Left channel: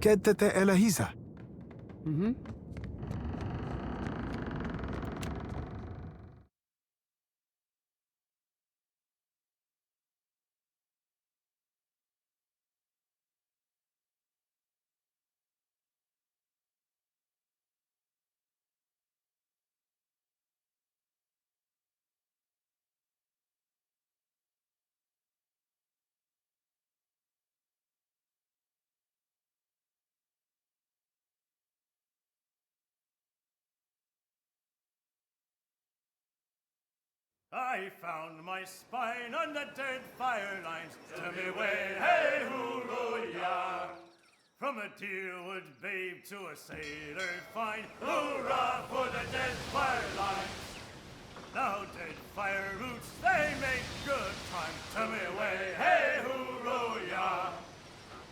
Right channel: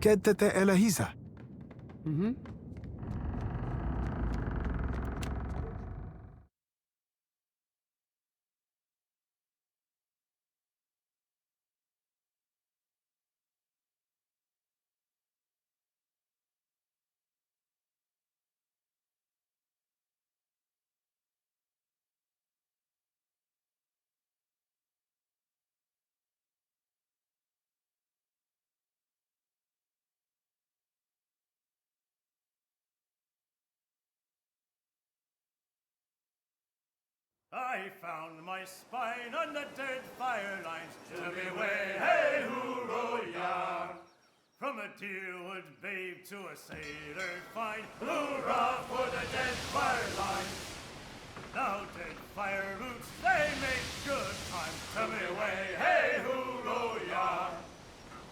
Kedtete Elahisa. Mm-hmm. I found my spine on the dead fire lines. Tell me way, hey, hoo-roh-yah. From a deerwood babe to a sailor fine, hoorah for the dead fire lines. Now dead fire roots, they make good time. Tell me way, hey, hoo-roh-yah.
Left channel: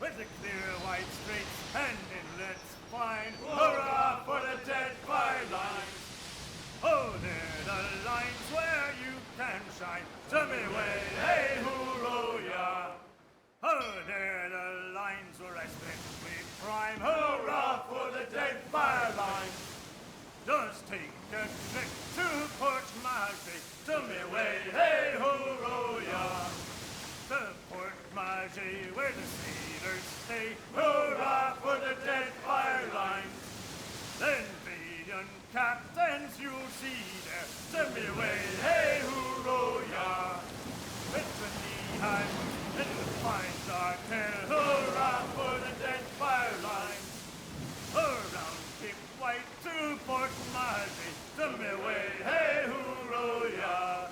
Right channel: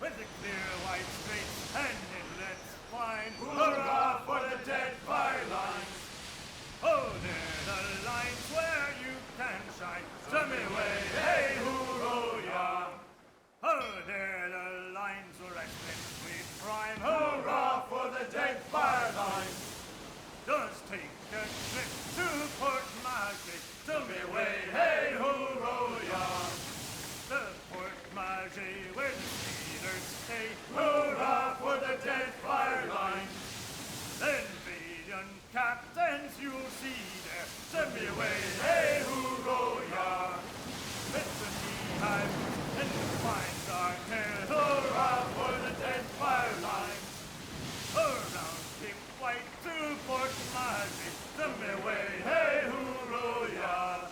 With the clear white straits and inlets fine, hoorah for the dead fire lines. Oh, they're the lines where you can shine. Tell me way, hey, hoo-roh-yah. Oh, they're the lines where I spend sweet prime. Hurrah for the dead fire lines. Just take a trip to Port Margy. Tell me way, hey, hoo-roh-yah. The Port Margy where the sailors stay. Hurrah for the dead fire lines. Then valiant captains you'll see there. Send me away, hey, hoo-roh-yah. With the knee-high boots and the fine dark hair. Hurrah for the dead fire lines. Around Cape White to Port Margy. Send me away, hey, hoo-roh-yah.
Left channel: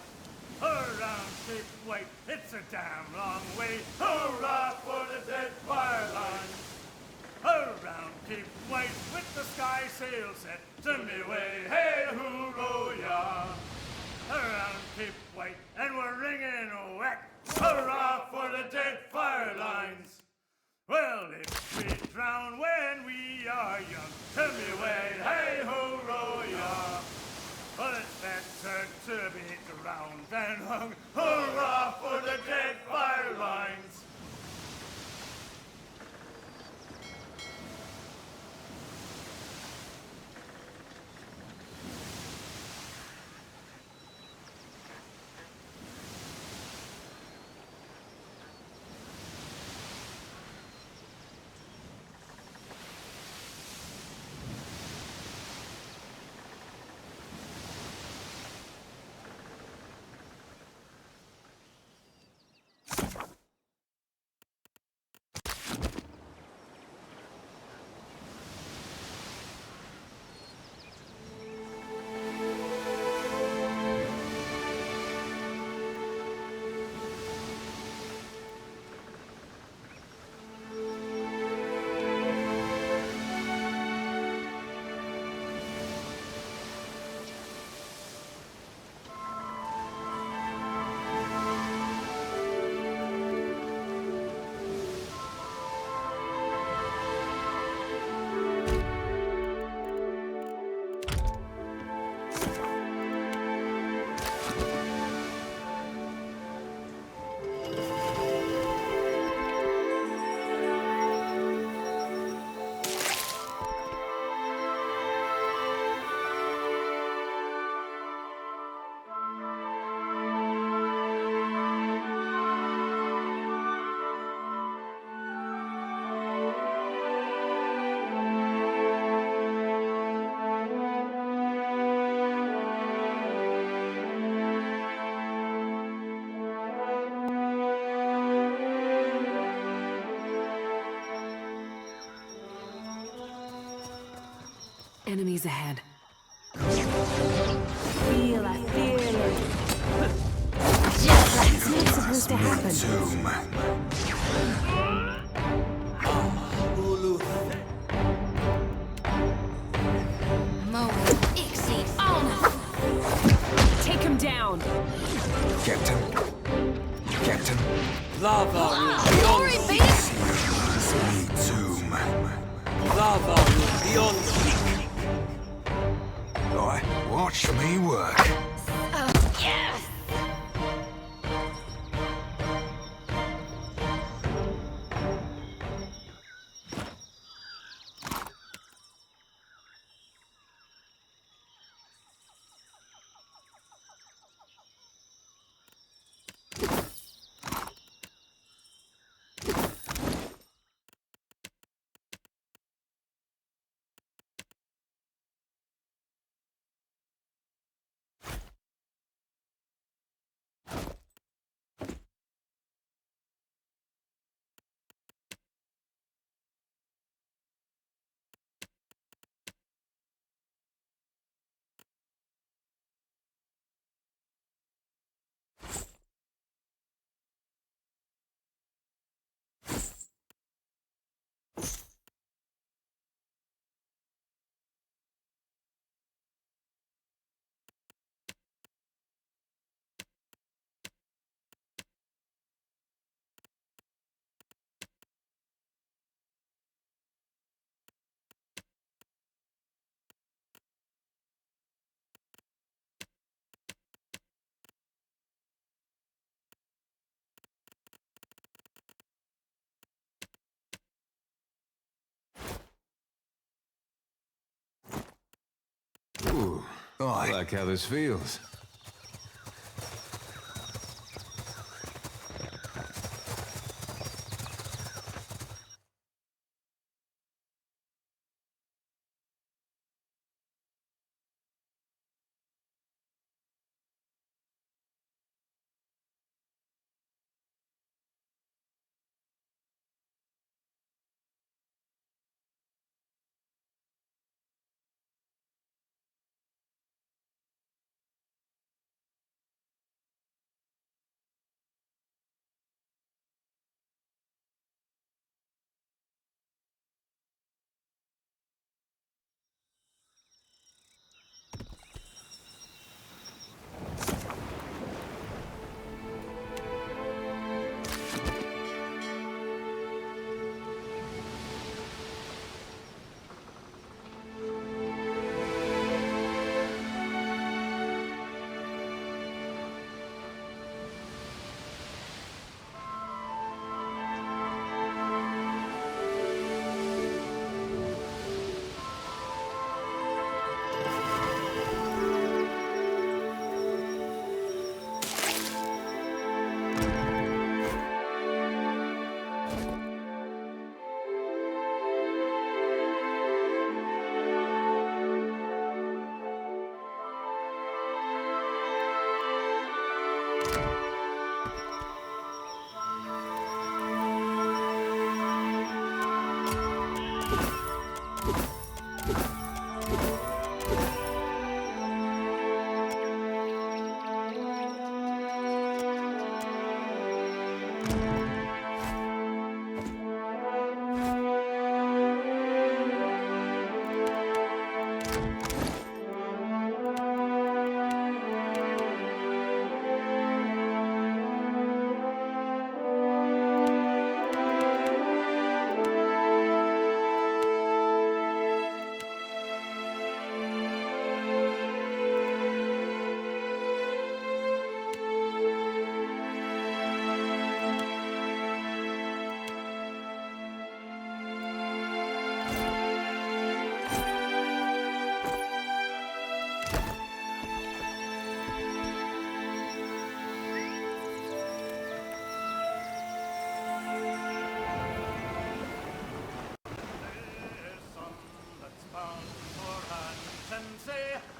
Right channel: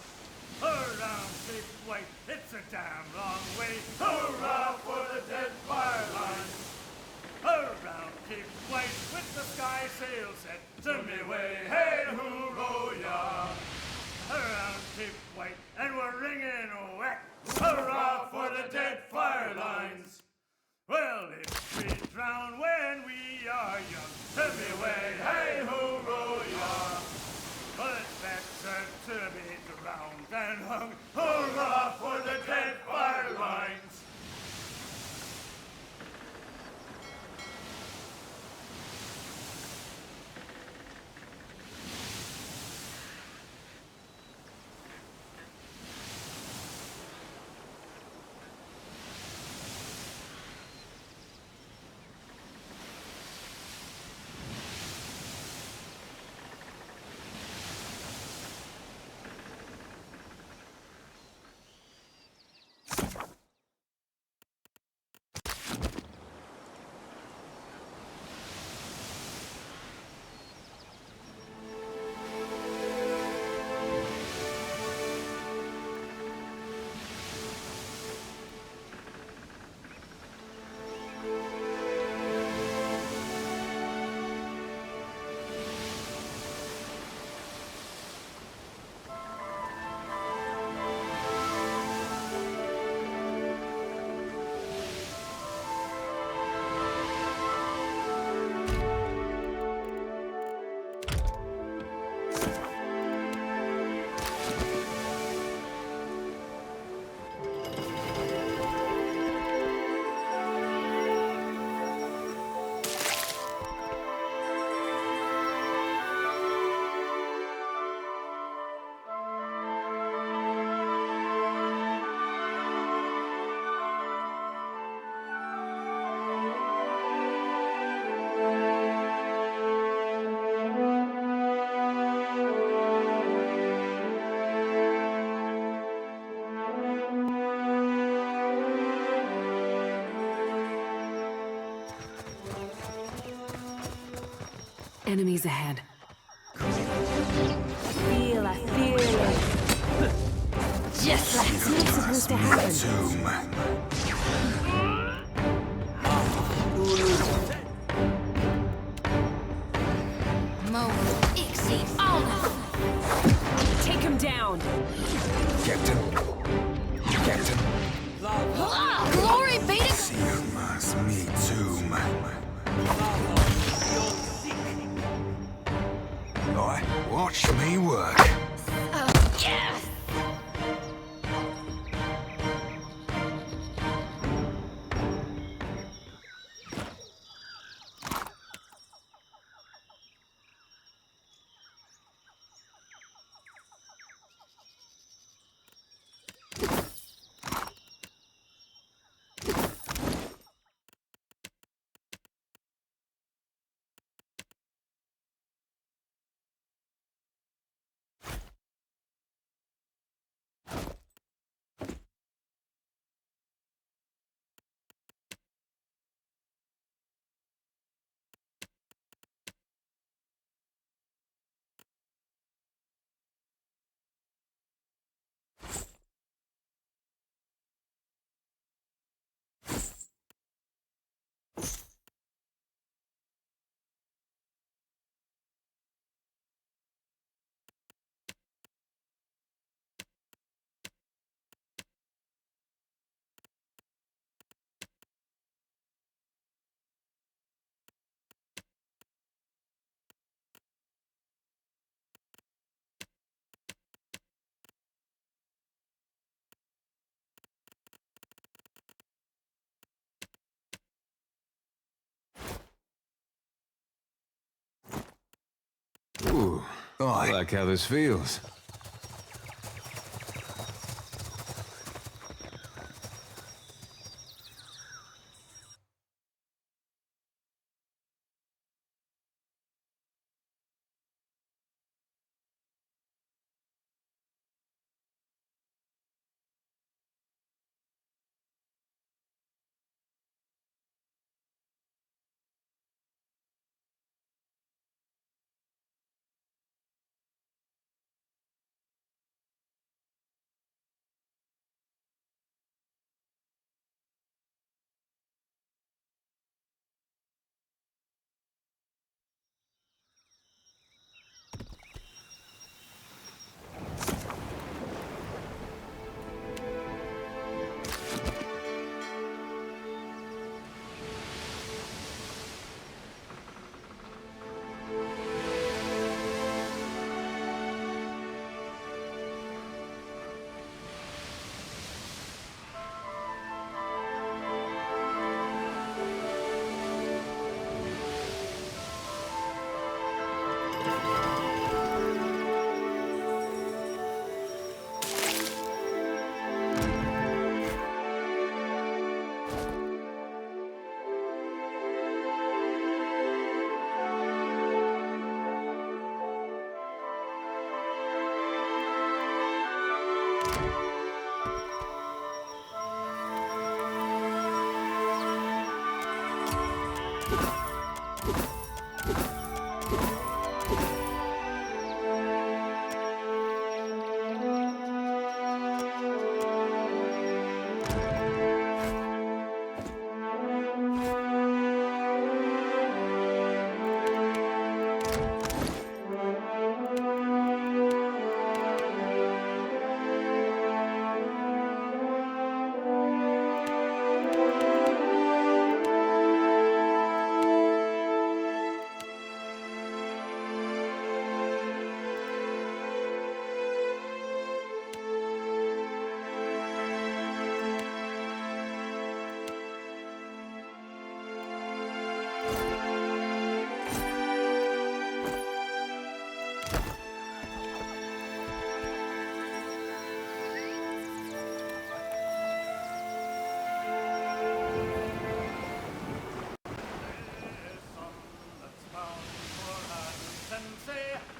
Around Cape White, it's a damn long way. Hurrah for the dead fire lines. Around Cape White with the sky sail set. Send me away, hey, hoo-roh-yah. Around Cape White, and we're ringing wet. Hurrah for the dead fire lines. Well, if we drown when we are young, send me away, hey, hoo-roh-yah. But it's better to be drowned than hung. Hurrah for the dead fire lines. Enemies ahead. Feel a fearless. Just like it's supposed to happen. Take him down. Captain. Captain. Lava. Glory be to Me too, Lava beyond speak. Boy, watch me work. Oh, yes! Ooh, I like how this feels.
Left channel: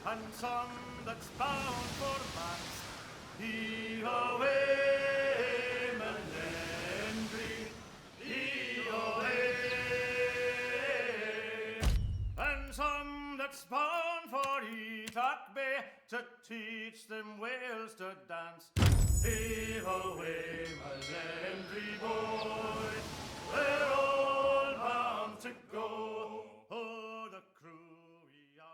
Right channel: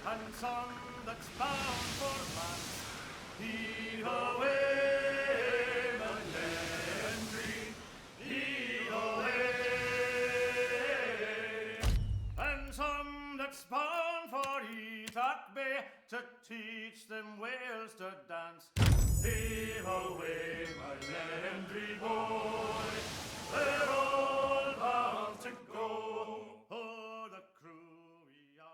And some that's bound for France. Heave away, Melendry, heave away. And some that's bound for Ethak Bay to teach them Wales to dance. Heave away, Melendry boy, we're all bound to go. Oh, the crew we are.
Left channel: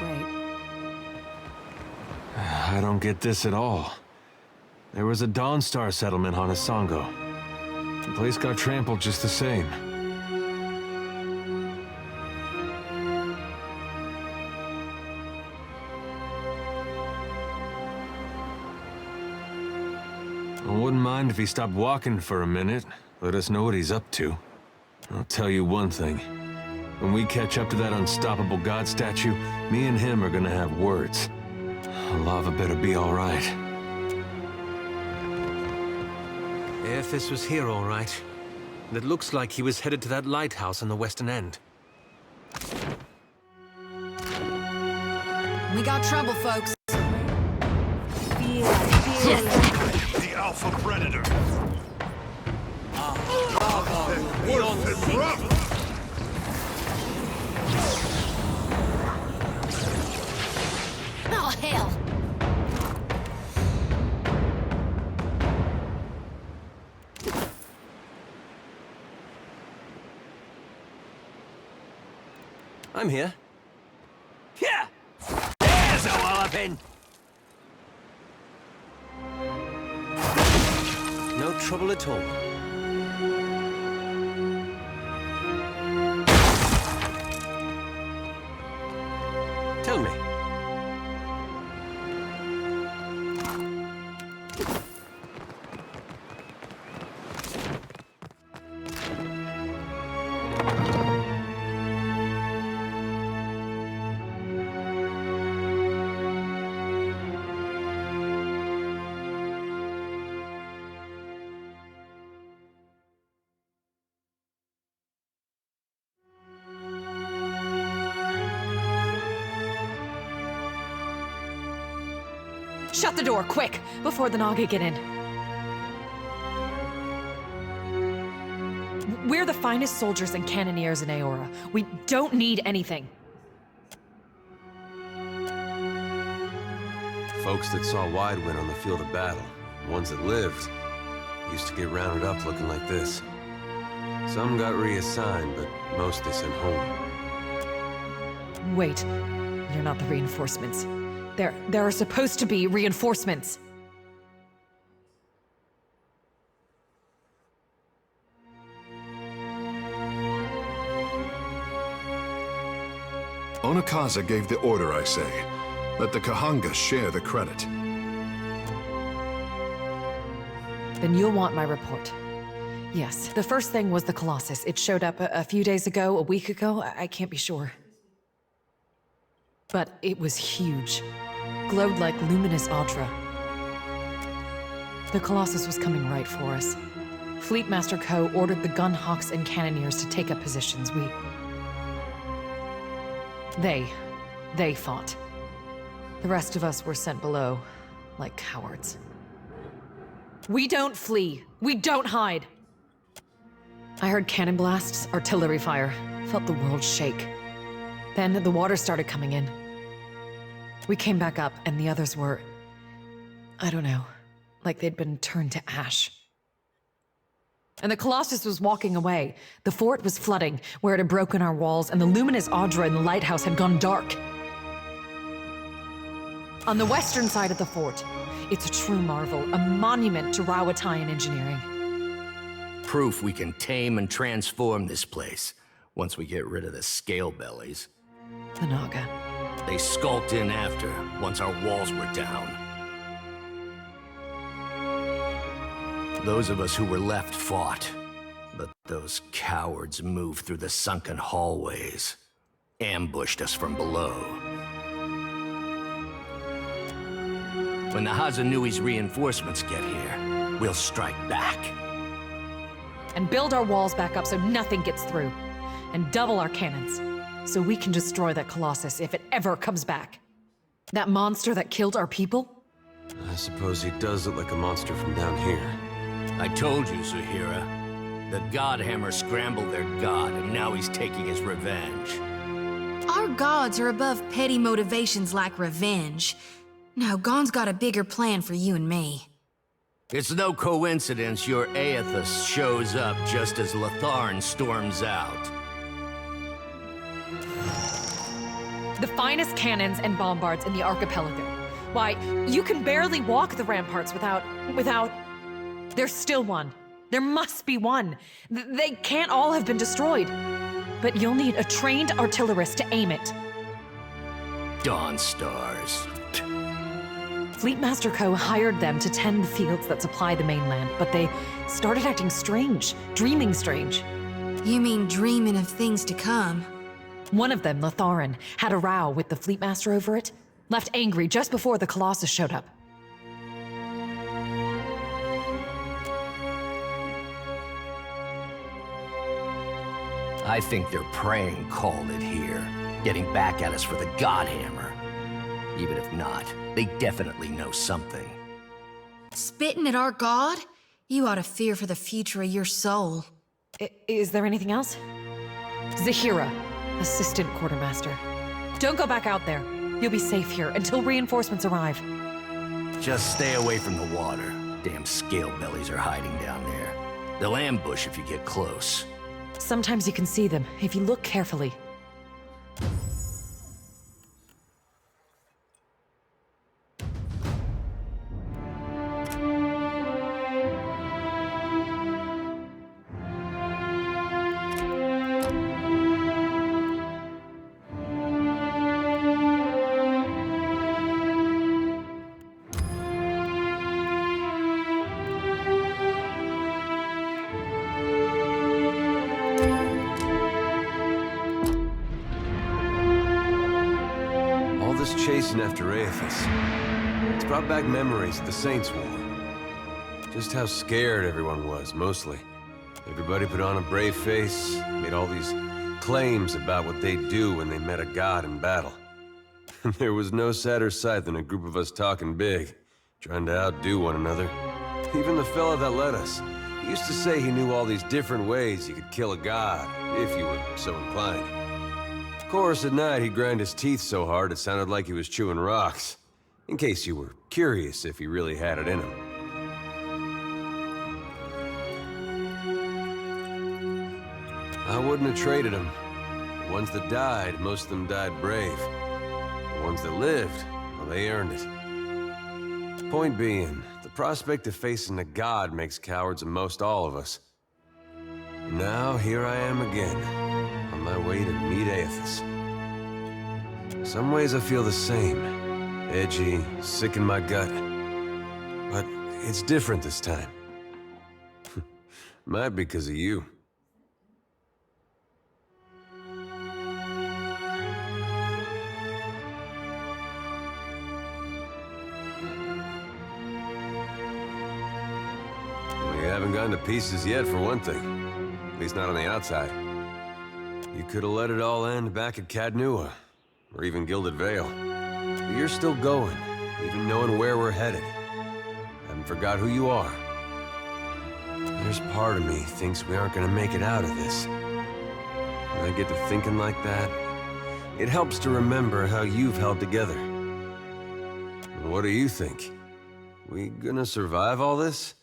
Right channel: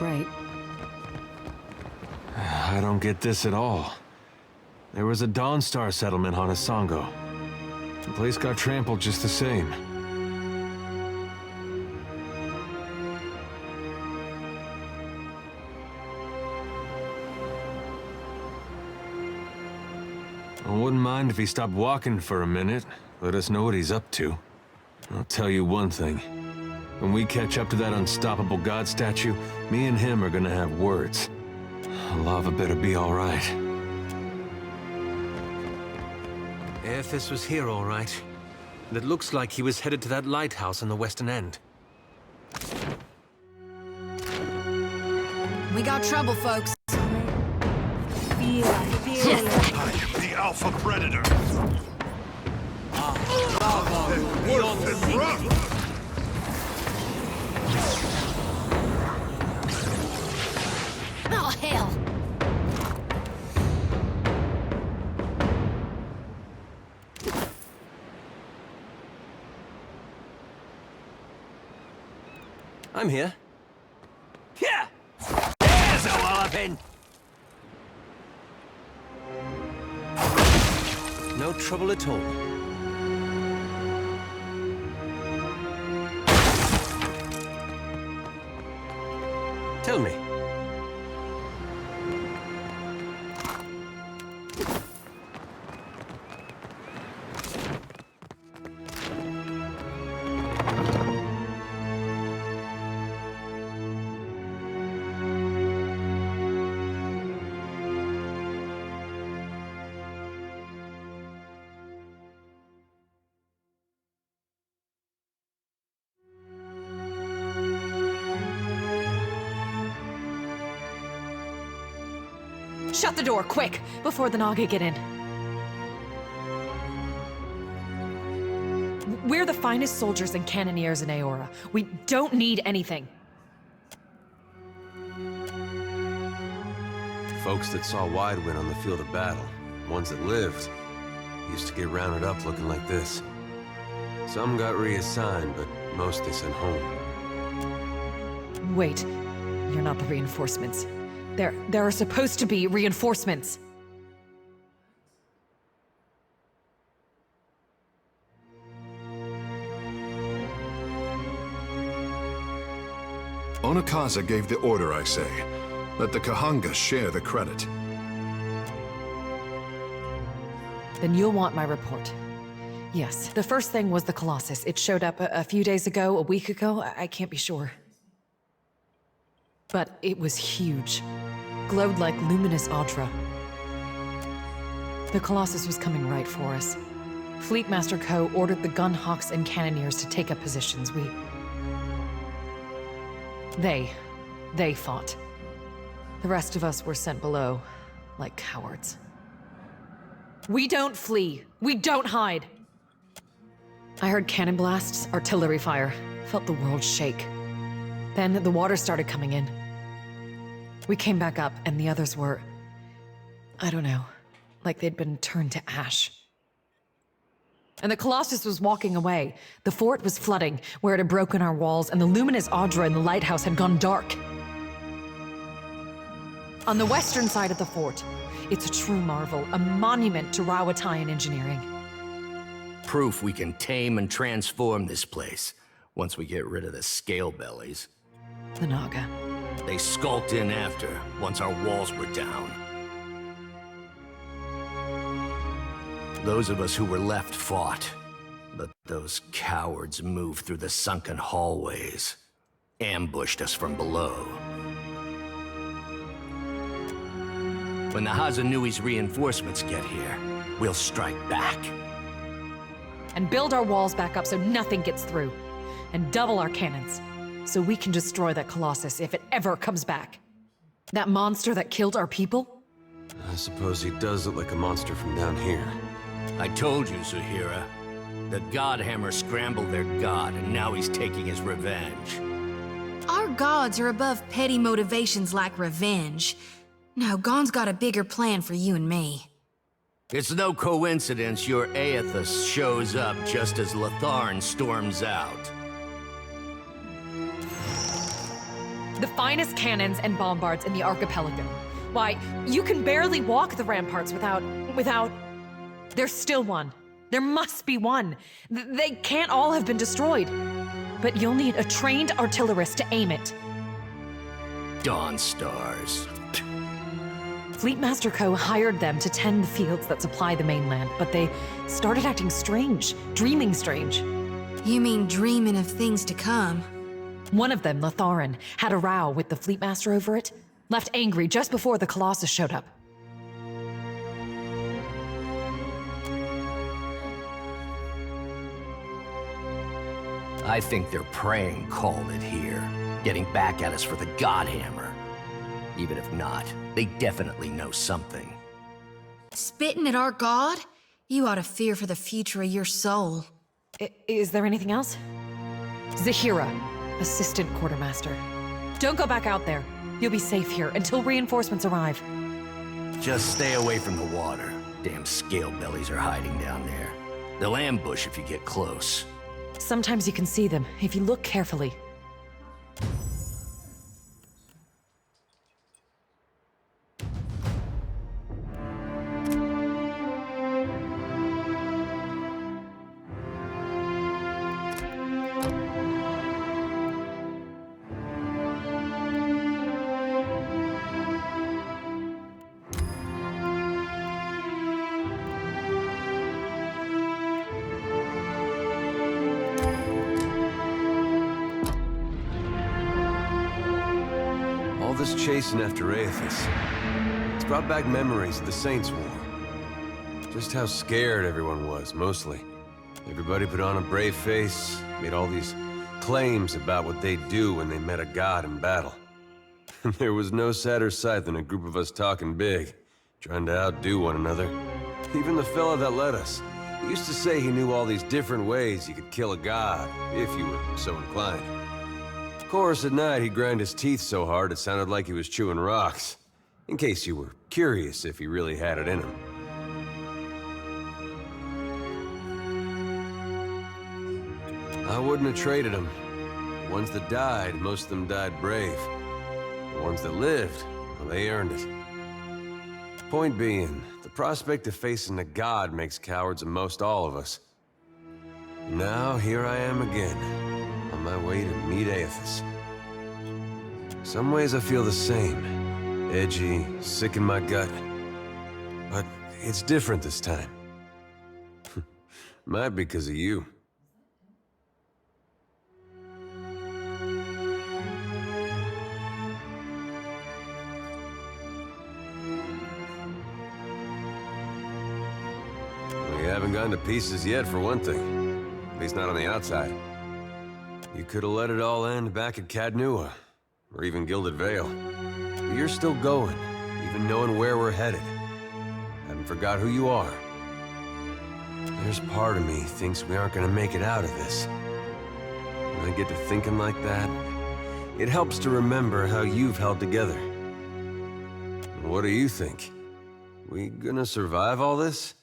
Right. I don't get this at all. There was a Dawnstar settlement on Isongo. The place got trampled just the same. I wouldn't mind if he stopped walking for a minute. Let us know what he's up to. I'll tell you one thing. When we catch up to that unstoppable god statue, me and him are gonna have words. Lava better be all right. If this was here all right, it looks like he was headed to that lighthouse on the western end. We got trouble, folks. Feel it. The Alpha Predator. Lava will beyond seek. Oh, hell! I'm here. Yeah! There's a walloping! No trouble at all. Tell me. Shut the door, quick, before the Naga get in. We're the finest soldiers and cannoneers in Aora. We don't need anything. Folks that saw Widewind on the field of battle, ones that lived, used to get rounded up looking like this. Some got reassigned, but most they sent home. Wait, you're not the reinforcements. There are supposed to be reinforcements. Onakaza gave the order, I say. Let the Kahanga share the credit. Then you'll want my report. Yes, the first thing was the Colossus. It showed up a few days ago, a week ago, I can't be sure. But it was huge. Glowed like luminous Audra. The Colossus was coming right for us. Fleetmaster Ko ordered the Gunhawks and Cannoneers to take up positions. They fought. The rest of us were sent below, like cowards. We don't flee. We don't hide. I heard cannon blasts, artillery fire, felt the world shake. Then the water started coming in. We came back up, and the others were... I don't know, like they'd been turned to ash. And the Colossus was walking away. The fort was flooding, where it had broken our walls, and the luminous Audra in the lighthouse had gone dark. On the western side of the fort, it's a true marvel, a monument to Rawatayan engineering. Proof we can tame and transform this place, once we get rid of the scale bellies. The Naga. They skulked in after, once our walls were down. Those of us who were left fought, but those cowards moved through the sunken hallways, ambushed us from below. When the Hazanui's reinforcements get here, we'll strike back. And build our walls back up so nothing gets through. And double our cannons, so we can destroy that Colossus if it ever comes back. That monster that killed our people? I suppose he does look like a monster from down here. I told you, Zuhira. The Godhammer scrambled their god, and now he's taking his revenge. Our gods are above petty motivations like revenge. Now, Gon's got a bigger plan for you and me. It's no coincidence your Aethys shows up just as Latharn storms out. The finest cannons and bombards in the archipelago. Why, you can barely walk the ramparts without... There's still one. There must be one. They can't all have been destroyed. But you'll need a trained artillerist to aim it. Dawn Stars. Fleetmaster Co. hired them to tend the fields that supply the mainland, but they started acting strange, dreaming strange. You mean dreaming of things to come? One of them, Latharan, had a row with the Fleetmaster over it, left angry just before the Colossus showed up. I think their praying called it here, getting back at us for the Godhammer. Even if not, they definitely know something. Spitting at our god? You ought to fear for the future of your soul. Is there anything else? Zahira, assistant quartermaster. Don't go back out there. You'll be safe here until reinforcements arrive. Just stay away from the water. Damn scale bellies are hiding down there. They'll ambush if you get close. Sometimes you can see them, if you look carefully. All this chasing after Aethys, it's brought back memories of the Saints' War. Just how scared everyone was, mostly. Everybody put on a brave face, made all these claims about what they'd do when they met a god in battle. There was no sadder sight than a group of us talking big, trying to outdo one another. Even the fella that led us, he used to say he knew all these different ways you could kill a god, if you were so inclined. Of course, at night he'd grind his teeth so hard it sounded like he was chewing rocks. In case you were curious if he really had it in him. I wouldn't have traded him. The ones that died, most of them died brave. The ones that lived, well, they earned it. Point being, the prospect of facing a god makes cowards of most all of us. Now, here I am again, on my way to meet Aethys. Some ways I feel the same. Edgy, sick in my gut. But it's different this time. Might be because of you. We haven't gone to pieces yet, for one thing. At least not on the outside. You could have let it all end back at Cadnua, or even Gilded Vale. But you're still going, even knowing where we're headed. Haven't forgot who you are. There's part of me thinks we aren't gonna make it out of this. When I get to thinking like that, it helps to remember how you've held together. What do you think? We gonna survive all this?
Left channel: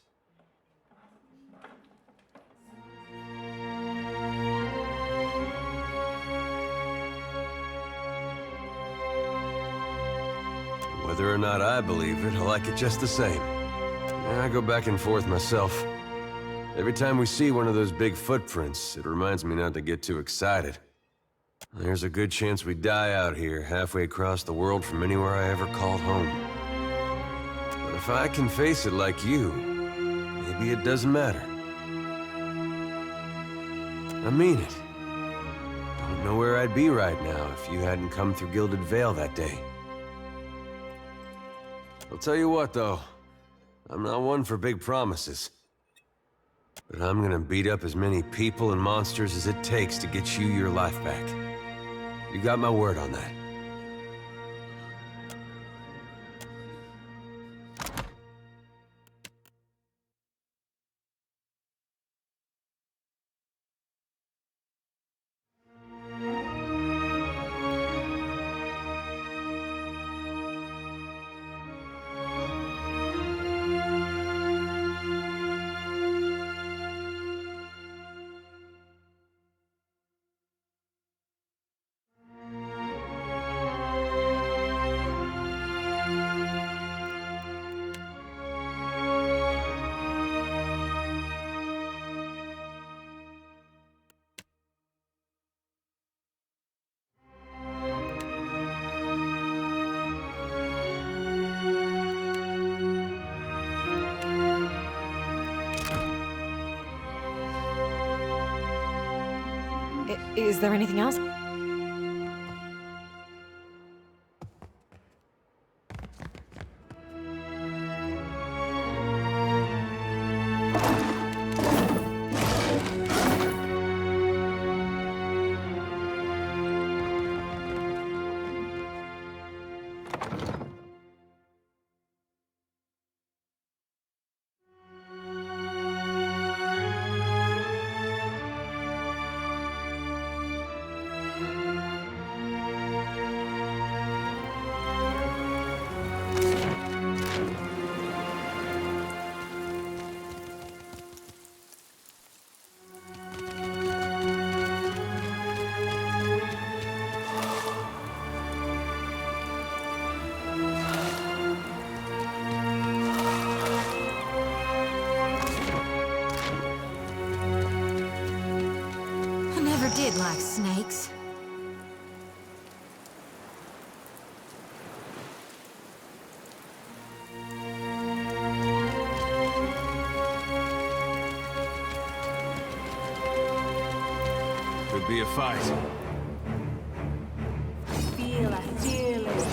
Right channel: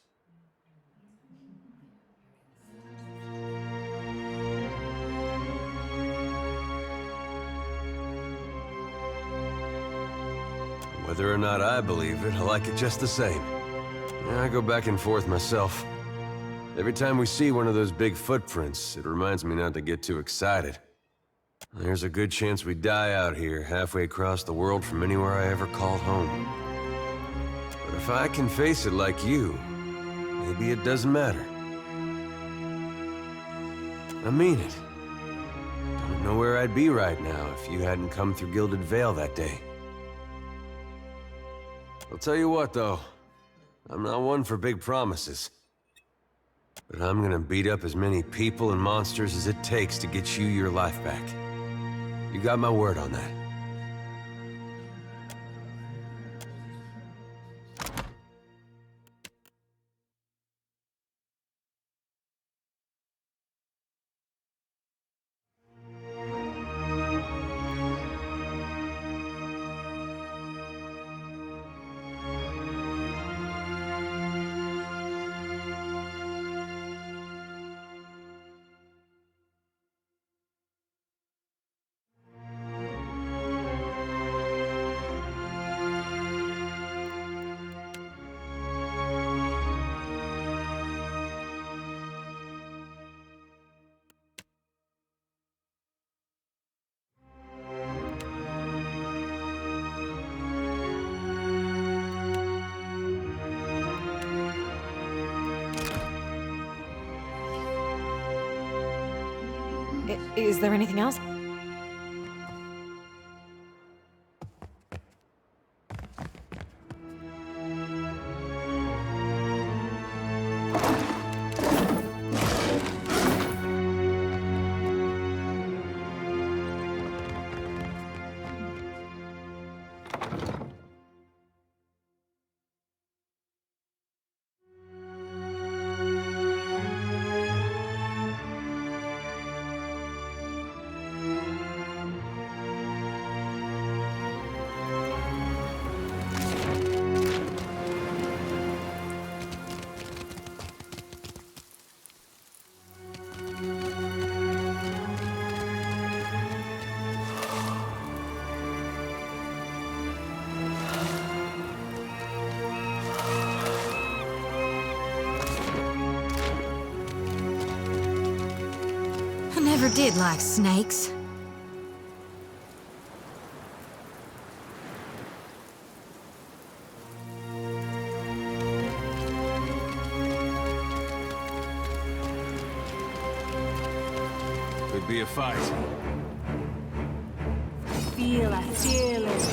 Whether or not I believe it, I like it just the same. I go back and forth myself. Every time we see one of those big footprints, it reminds me not to get too excited. There's a good chance we die out here, halfway across the world from anywhere I ever called home. But if I can face it like you, maybe it doesn't matter. I mean it. Don't know where I'd be right now if you hadn't come through Gilded Vale that day. I'll tell you what, though. I'm not one for big promises. But I'm gonna beat up as many people and monsters as it takes to get you your life back. You got my word on that. Is there anything else? I never did like snakes. Could be a fight. Feel it, feel it.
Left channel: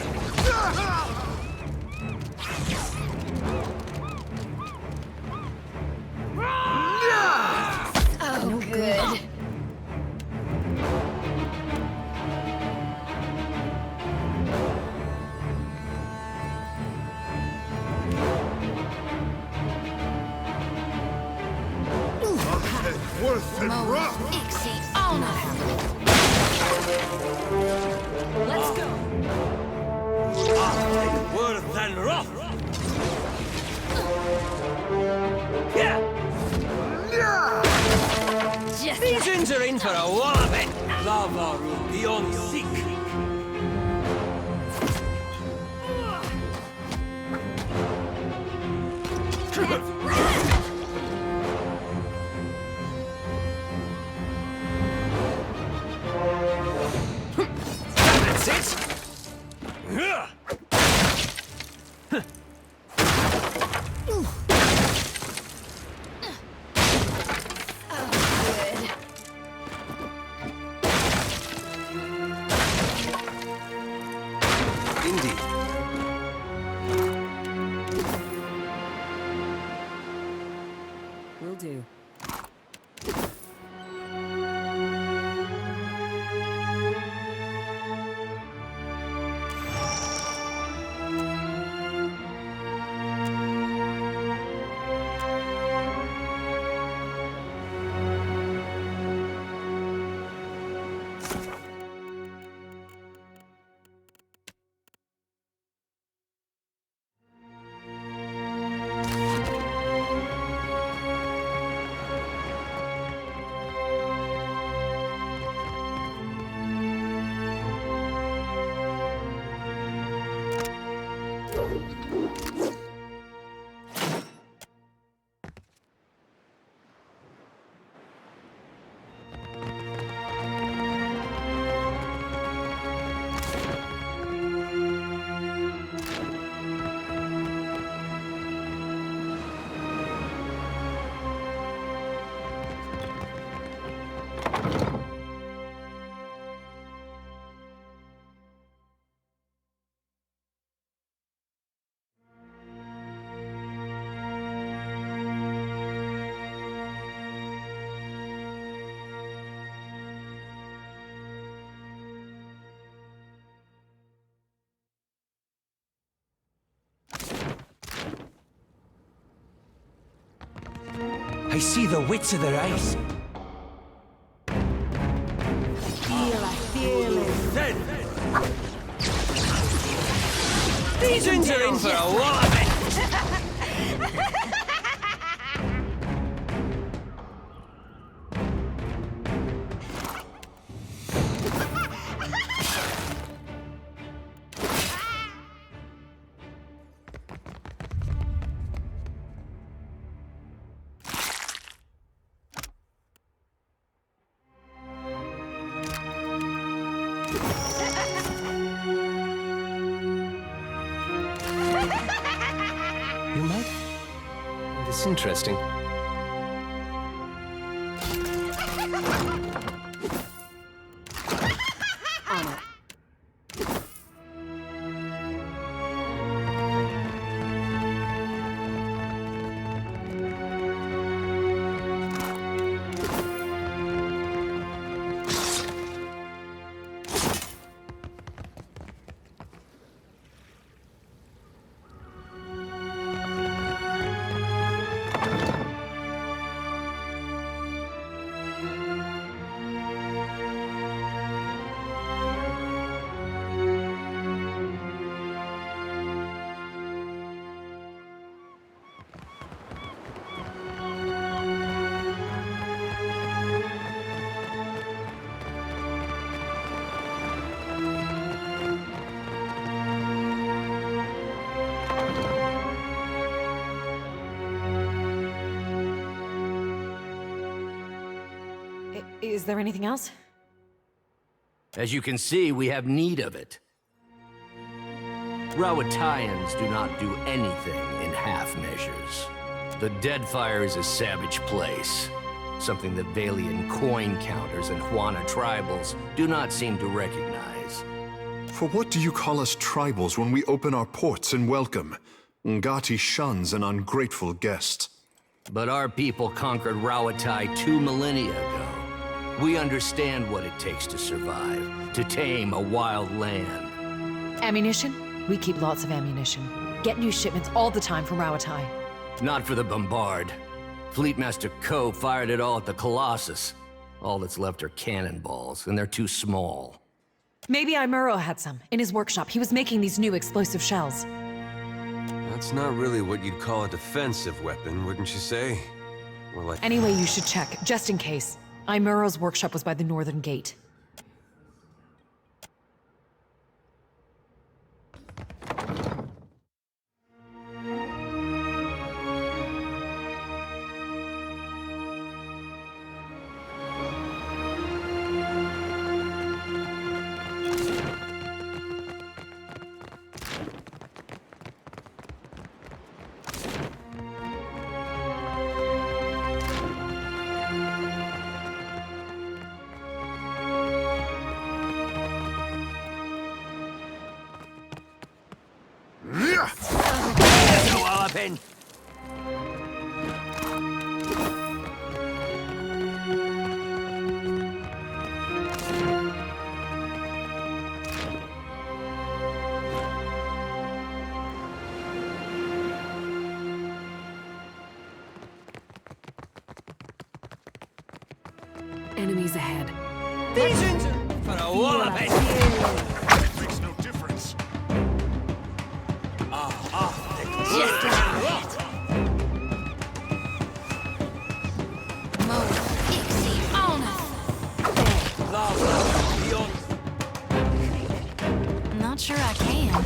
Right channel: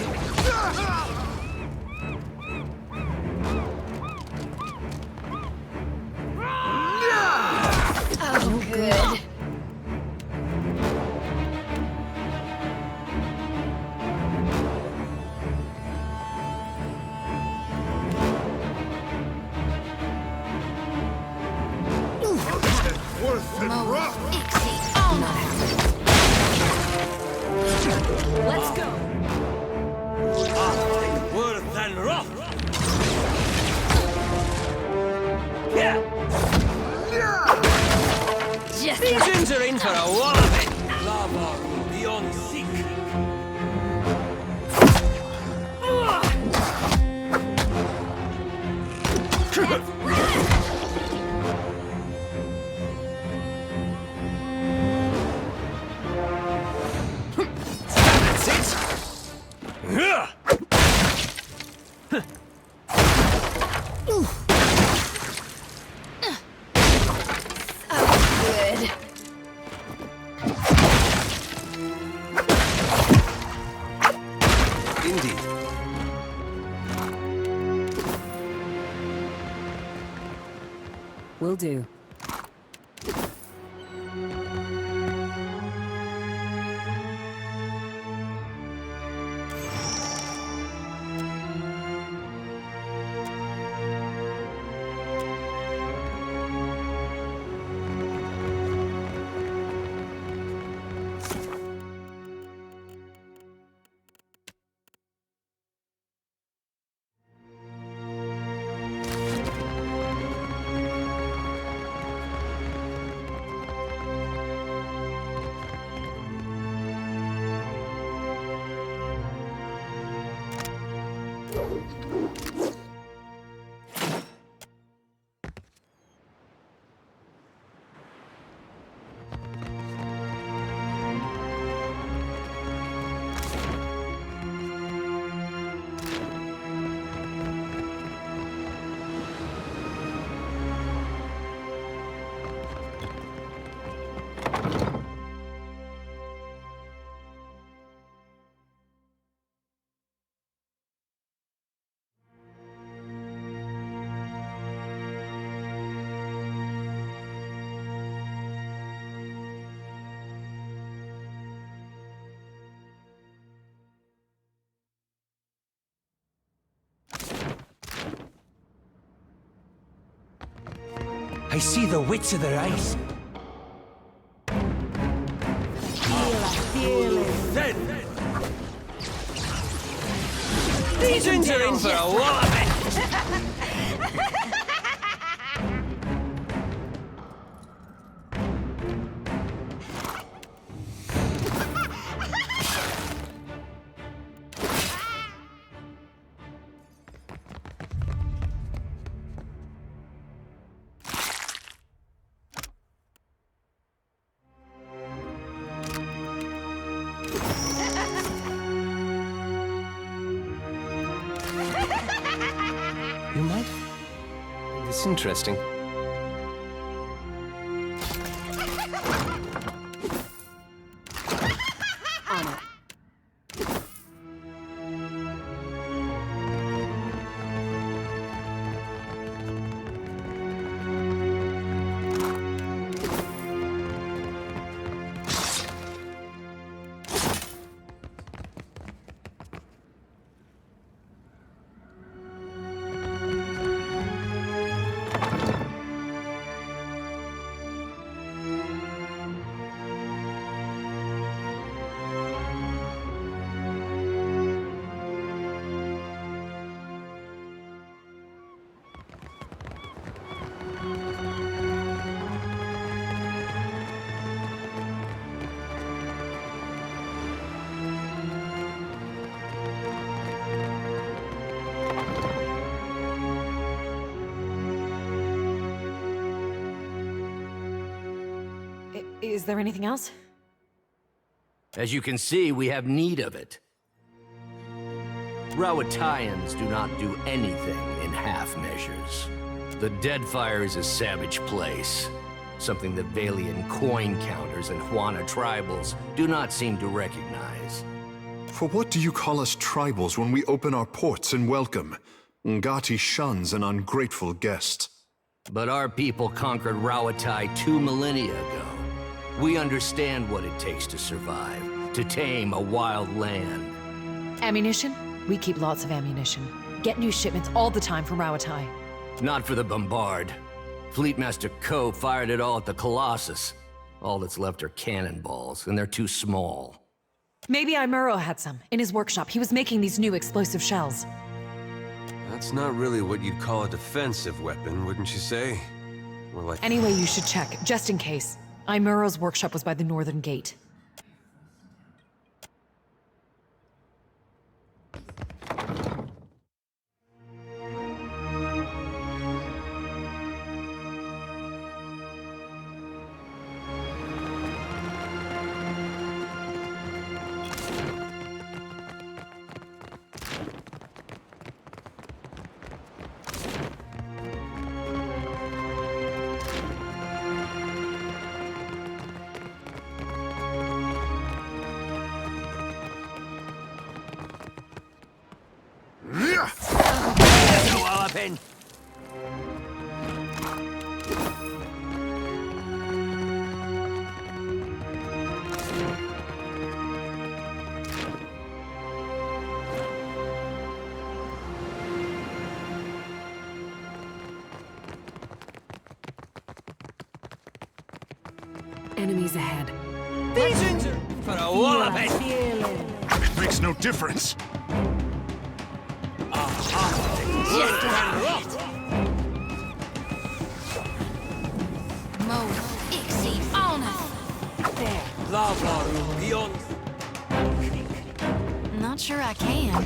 Oh, good. Worse than rough! Ixie, all not happening. Let's go! Worse than rough! Yeah! Just These ends are in for a walloping! Lava room beyond seek. That's it! good. Indeed. Will do. I see the wits of their eyes. Feel it, feel it. Then these ends are in for a walloping. You might find this interesting. On it. Is there anything else? As you can see, we have need of it. Rawatayans do not do anything in half measures. The Deadfire is a savage place, something that Valian coin counters and Huana tribals do not seem to recognize. For what do you call us tribals when we open our ports and welcome? Ngati shuns an ungrateful guest. But our people conquered Rawatai 2 millennia ago. We understand what it takes to survive, to tame a wild land. Ammunition? We keep lots of ammunition. Get new shipments all the time from Rawatai. Not for the Bombard. Fleetmaster Ko fired it all at the Colossus. All that's left are cannonballs, and they're too small. Maybe Imuro had some. In his workshop, he was making these new explosive shells. That's not really what you'd call a defensive weapon, wouldn't you say? More like... Anyway, you should check, just in case. Imuro's workshop was by the northern gate. Enemies ahead. It makes no difference. Just like that. Mode Ixie on us. Not sure I can.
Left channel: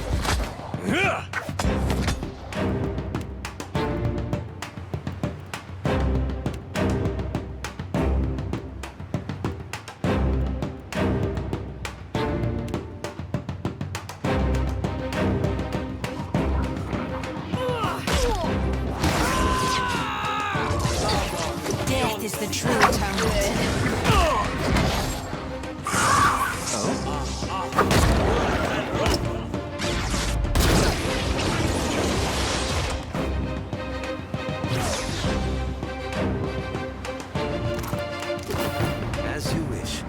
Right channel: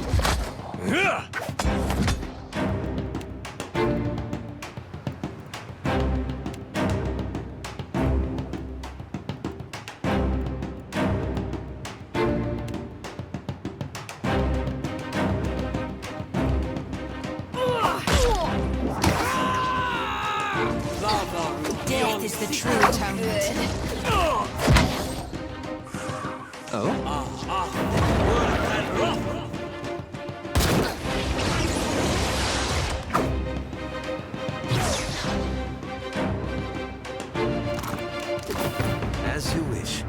Death is the true atonement. As you wish.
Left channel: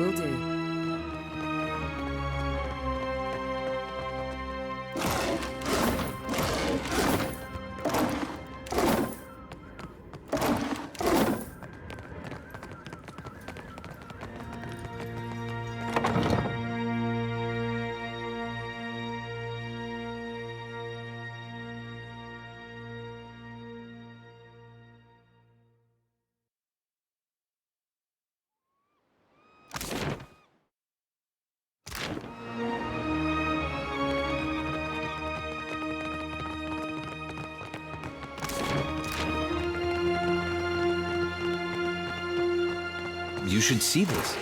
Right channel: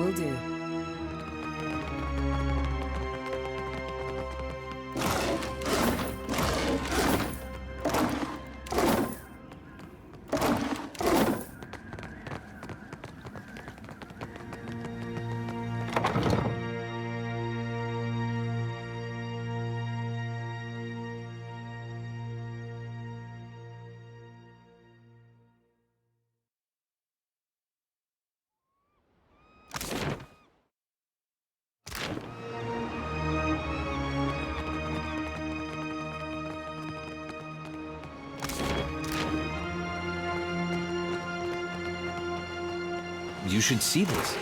Will do. You should see this.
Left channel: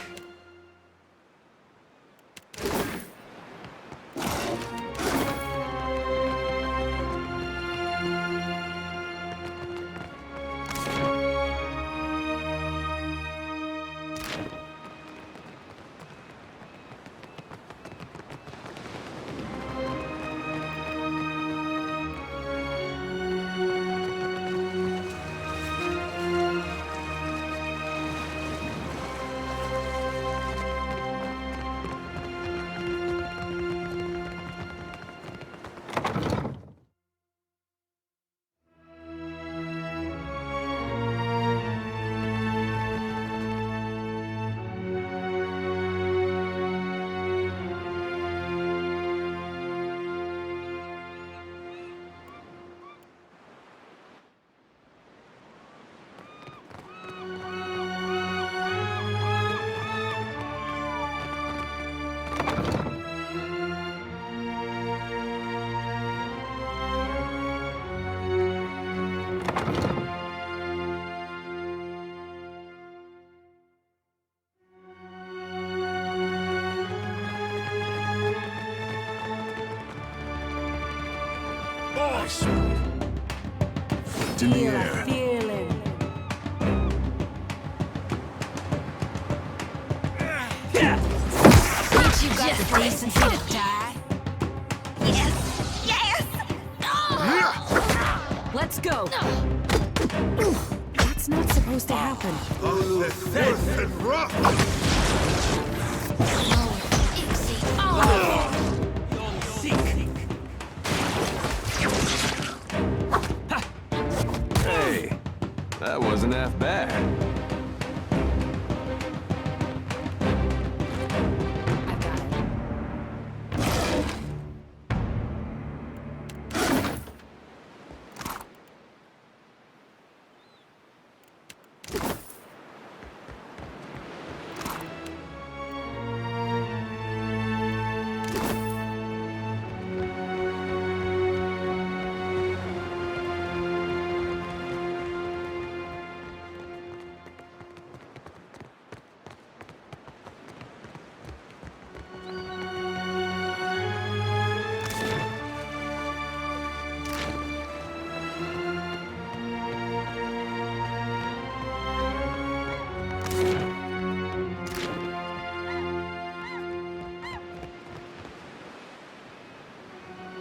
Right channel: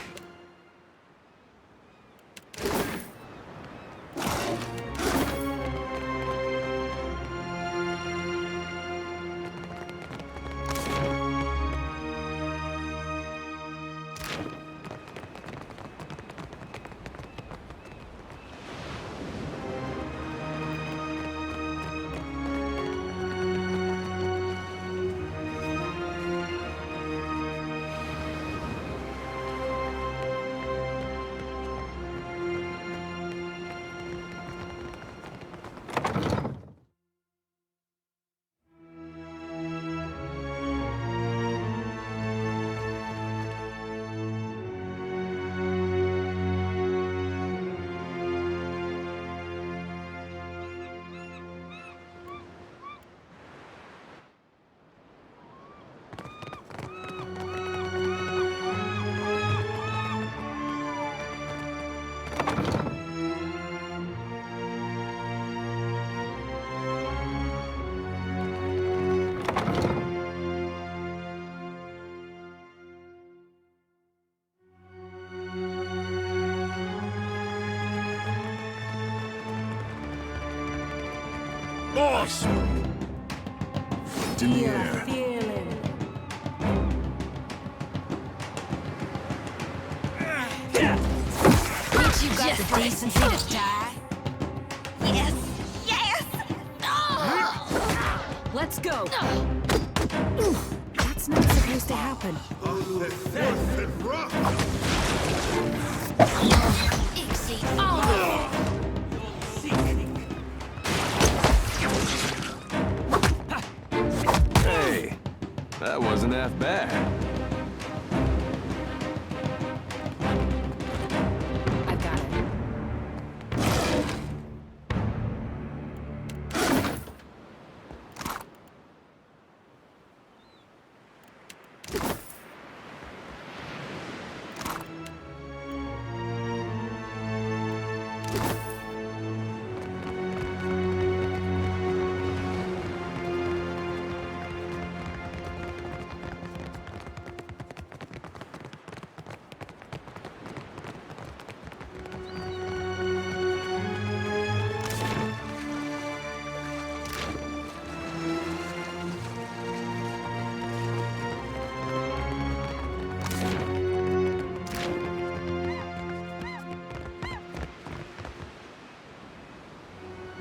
Awesome! Foot in the air. Feeling. Ain't you got the decency to die? Yes! Yes! Let's go! That's not supposed to happen. Filth and rough! Hey, that wasn't half bad. I've got it.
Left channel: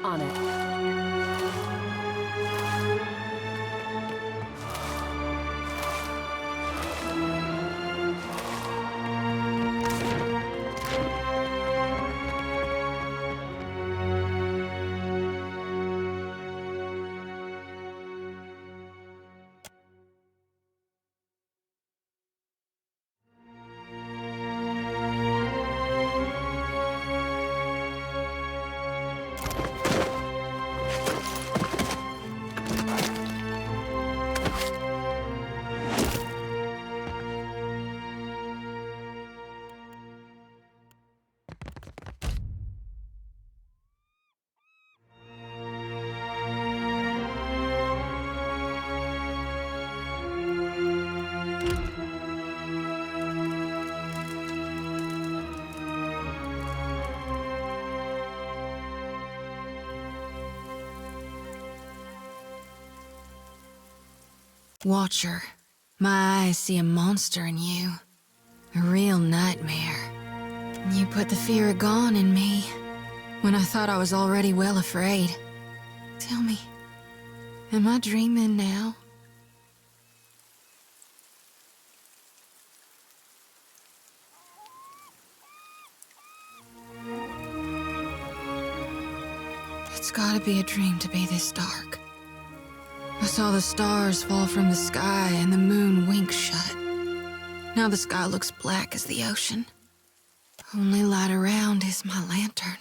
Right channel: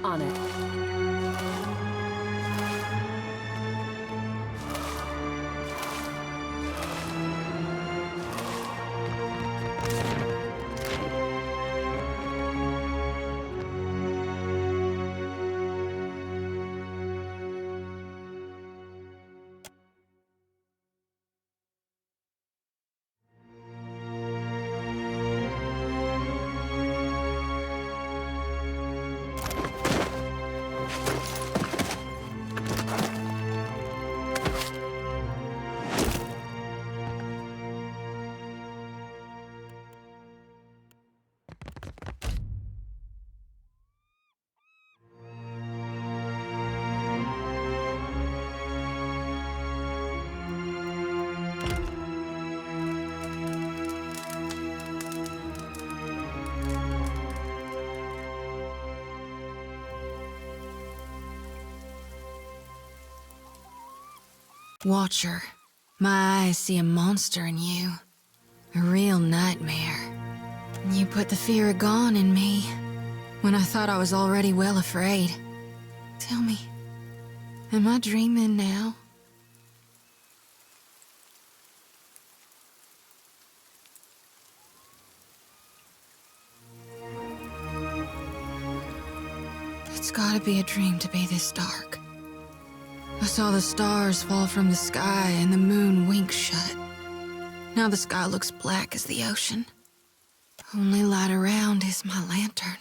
On it. Watcher, my eyes see a monster in you. A real nightmare. You put the fear of gone in me, when I thought I was already well afraid. Tell me, am I dreaming now? It's gotta be a dream to be this dark. I saw the stars fall from the sky and the moon wink shut. Now the sky looks black as the ocean. Only light around is my lantern.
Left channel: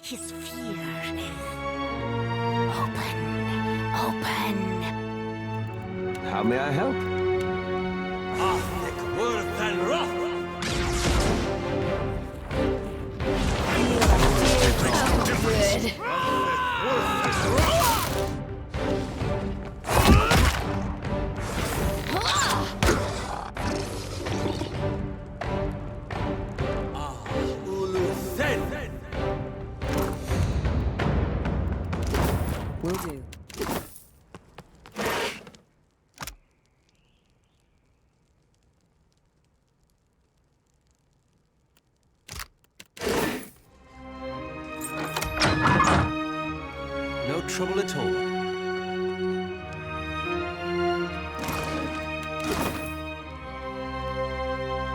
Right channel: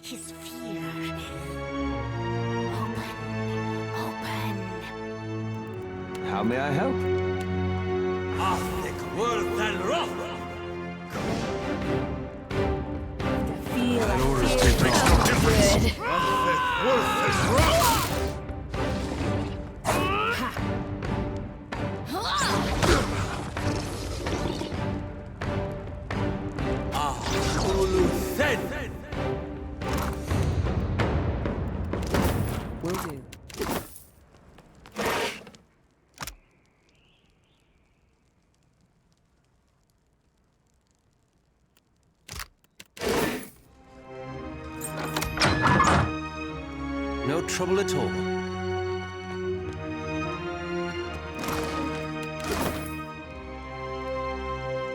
His fear. Open. How may I help? Will do. No trouble at all.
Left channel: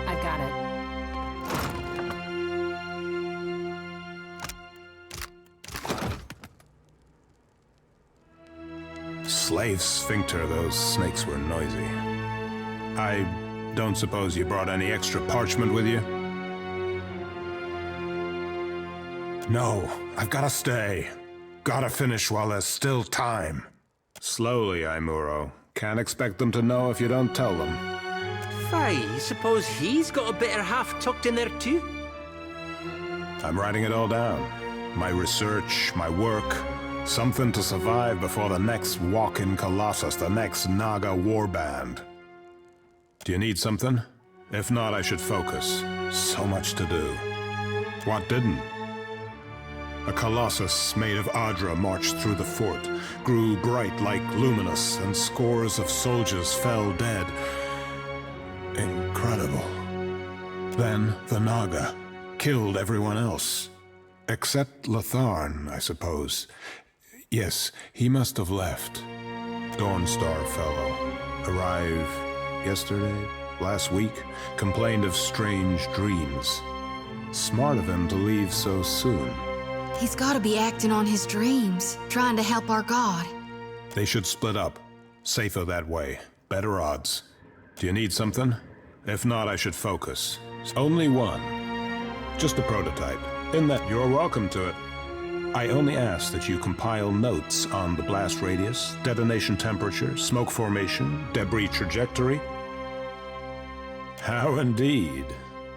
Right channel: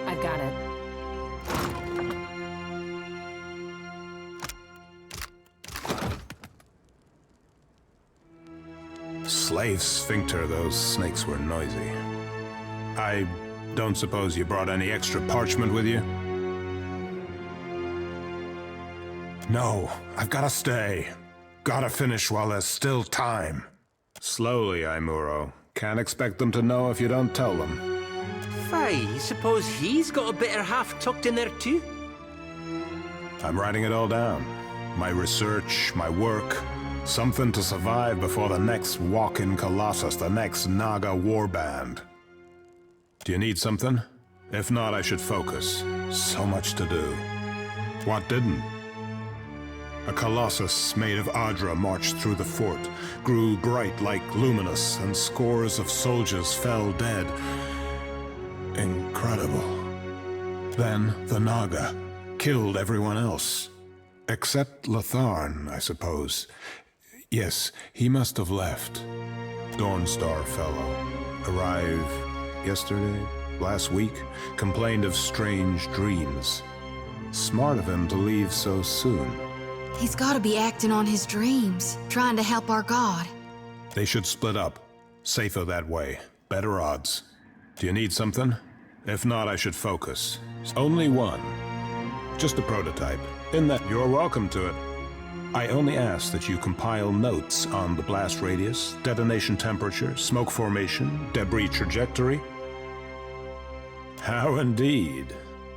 I've got it. Slave sphincter, those snakes were noisy. I don't suppose you brought any extra parchment with you? No, I've gotta stay. Gotta finish while there's still time. Slowly, Aimuro. Can't expect them to know if you don't tell them. Fie, suppose he's got a better half tucked in there too? I'm writing it all down. My research, my work. Something to survive before the next walk-in Colossus, the next Naga warband. Do you need something? If not, I should focus. So much to do. What didn't? A Colossus made of Adra marched through the fort, grew bright like luminous, and scores of soldiers fell dead. Incredible. Then the Naga killed everyone else. Except Latharn, I suppose. Yes, he must have left. Dawnstar fellow. Arrived yesterday, last week, complained of strange dreams. Smart of him to leave so soon. He's gotta be acting on his dreams, trying to help our god. They should split up. Safer that way. Better odds. Do you need something? If not, I should focus. Only one. Just a prototype. In that you're welcome to it. I only ask that you compile notes on the blast radius, detonation temperature, smoke formation, debris trajectory. How indeed.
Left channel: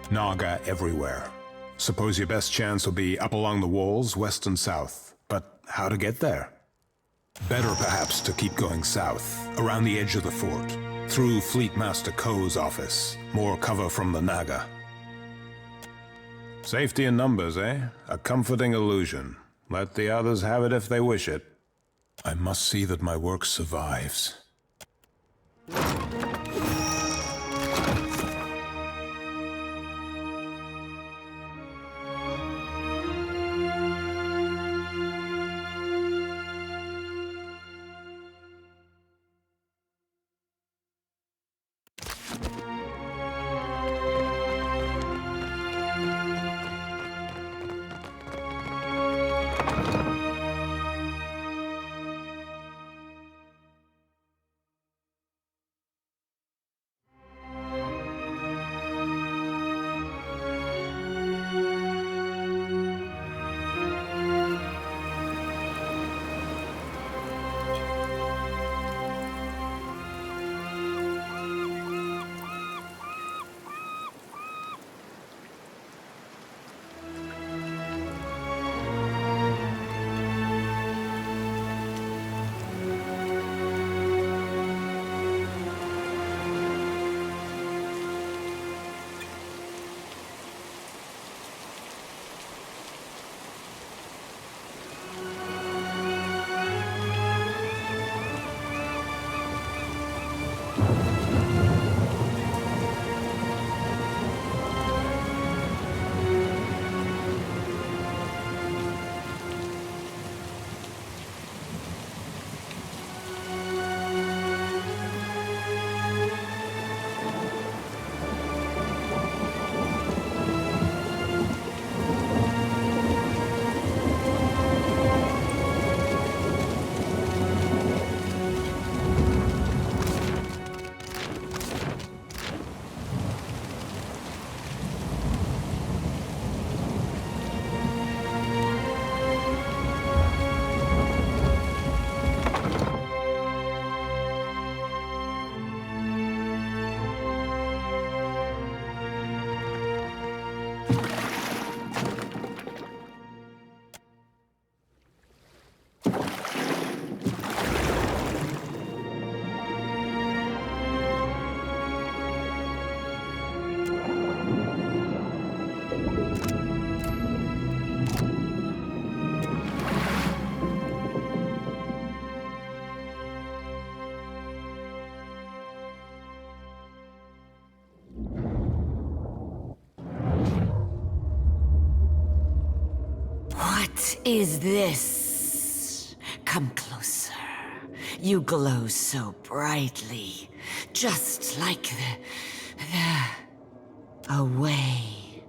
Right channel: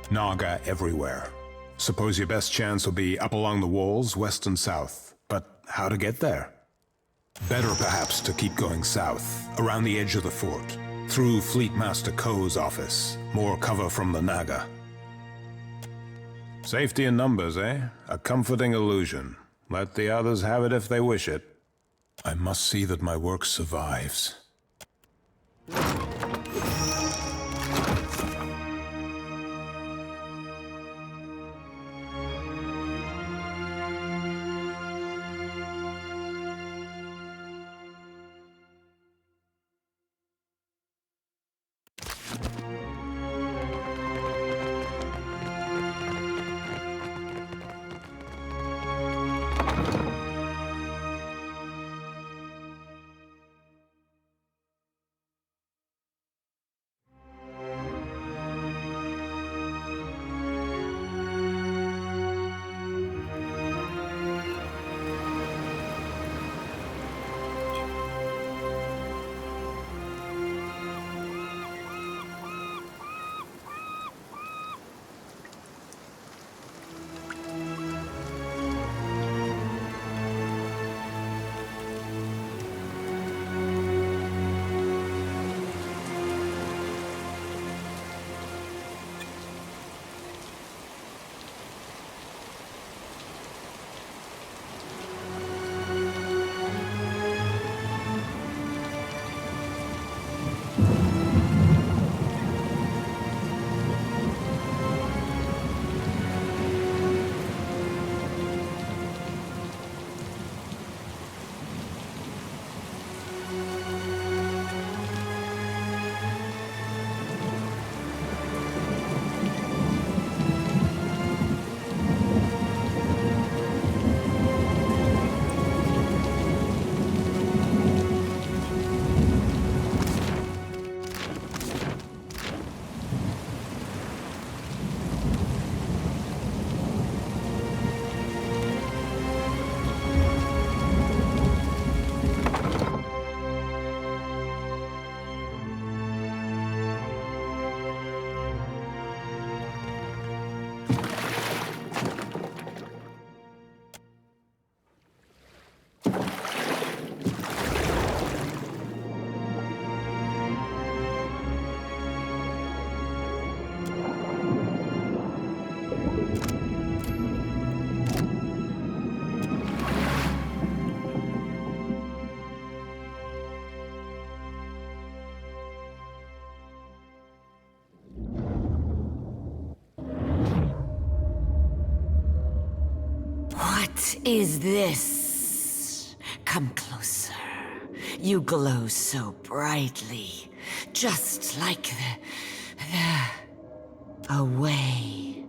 Naga everywhere. Suppose your best chance will be up along the walls, west and south. But how to get there? Better perhaps to keep going south, around the edge of the fort, through Fleet Master Ko's office. More cover from the Naga. Safety in numbers, eh? A comforting illusion. Let the others have it if they wish it. I must see that my work survives. is this? Come closer. You glow so brightly, just like the away.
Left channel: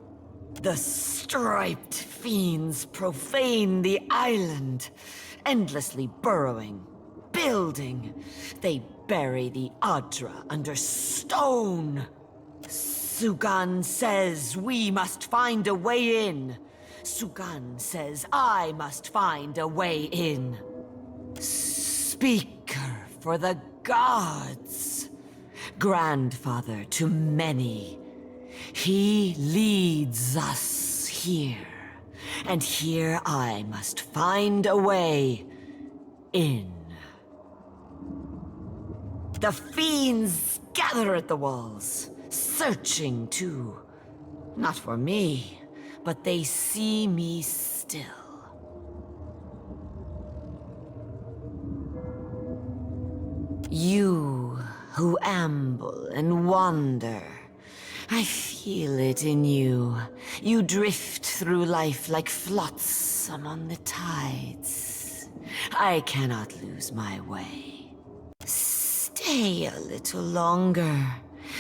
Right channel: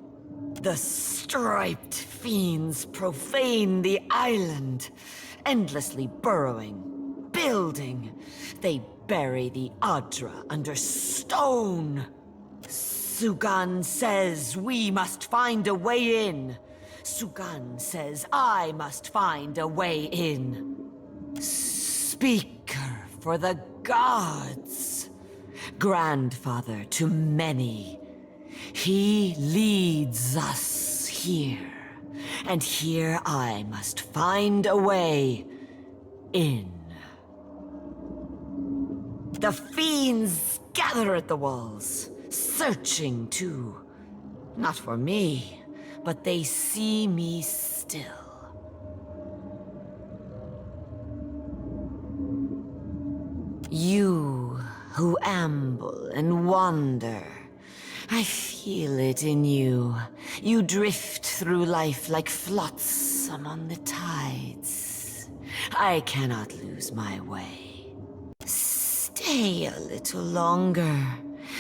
The striped fiends profane the island, endlessly burrowing, building. They bury the Adra under stone. Sugan says we must find a way in. Sugan says I must find a way in. Speaker for the gods. Grandfather to many. He leads us here. And here I must find a way in. The fiends gather at the walls, searching too. Not for me, but they see me still. You who amble and wander, I feel it in you. You drift through life like flotsam on the tides. I cannot lose my way. Stay a little longer.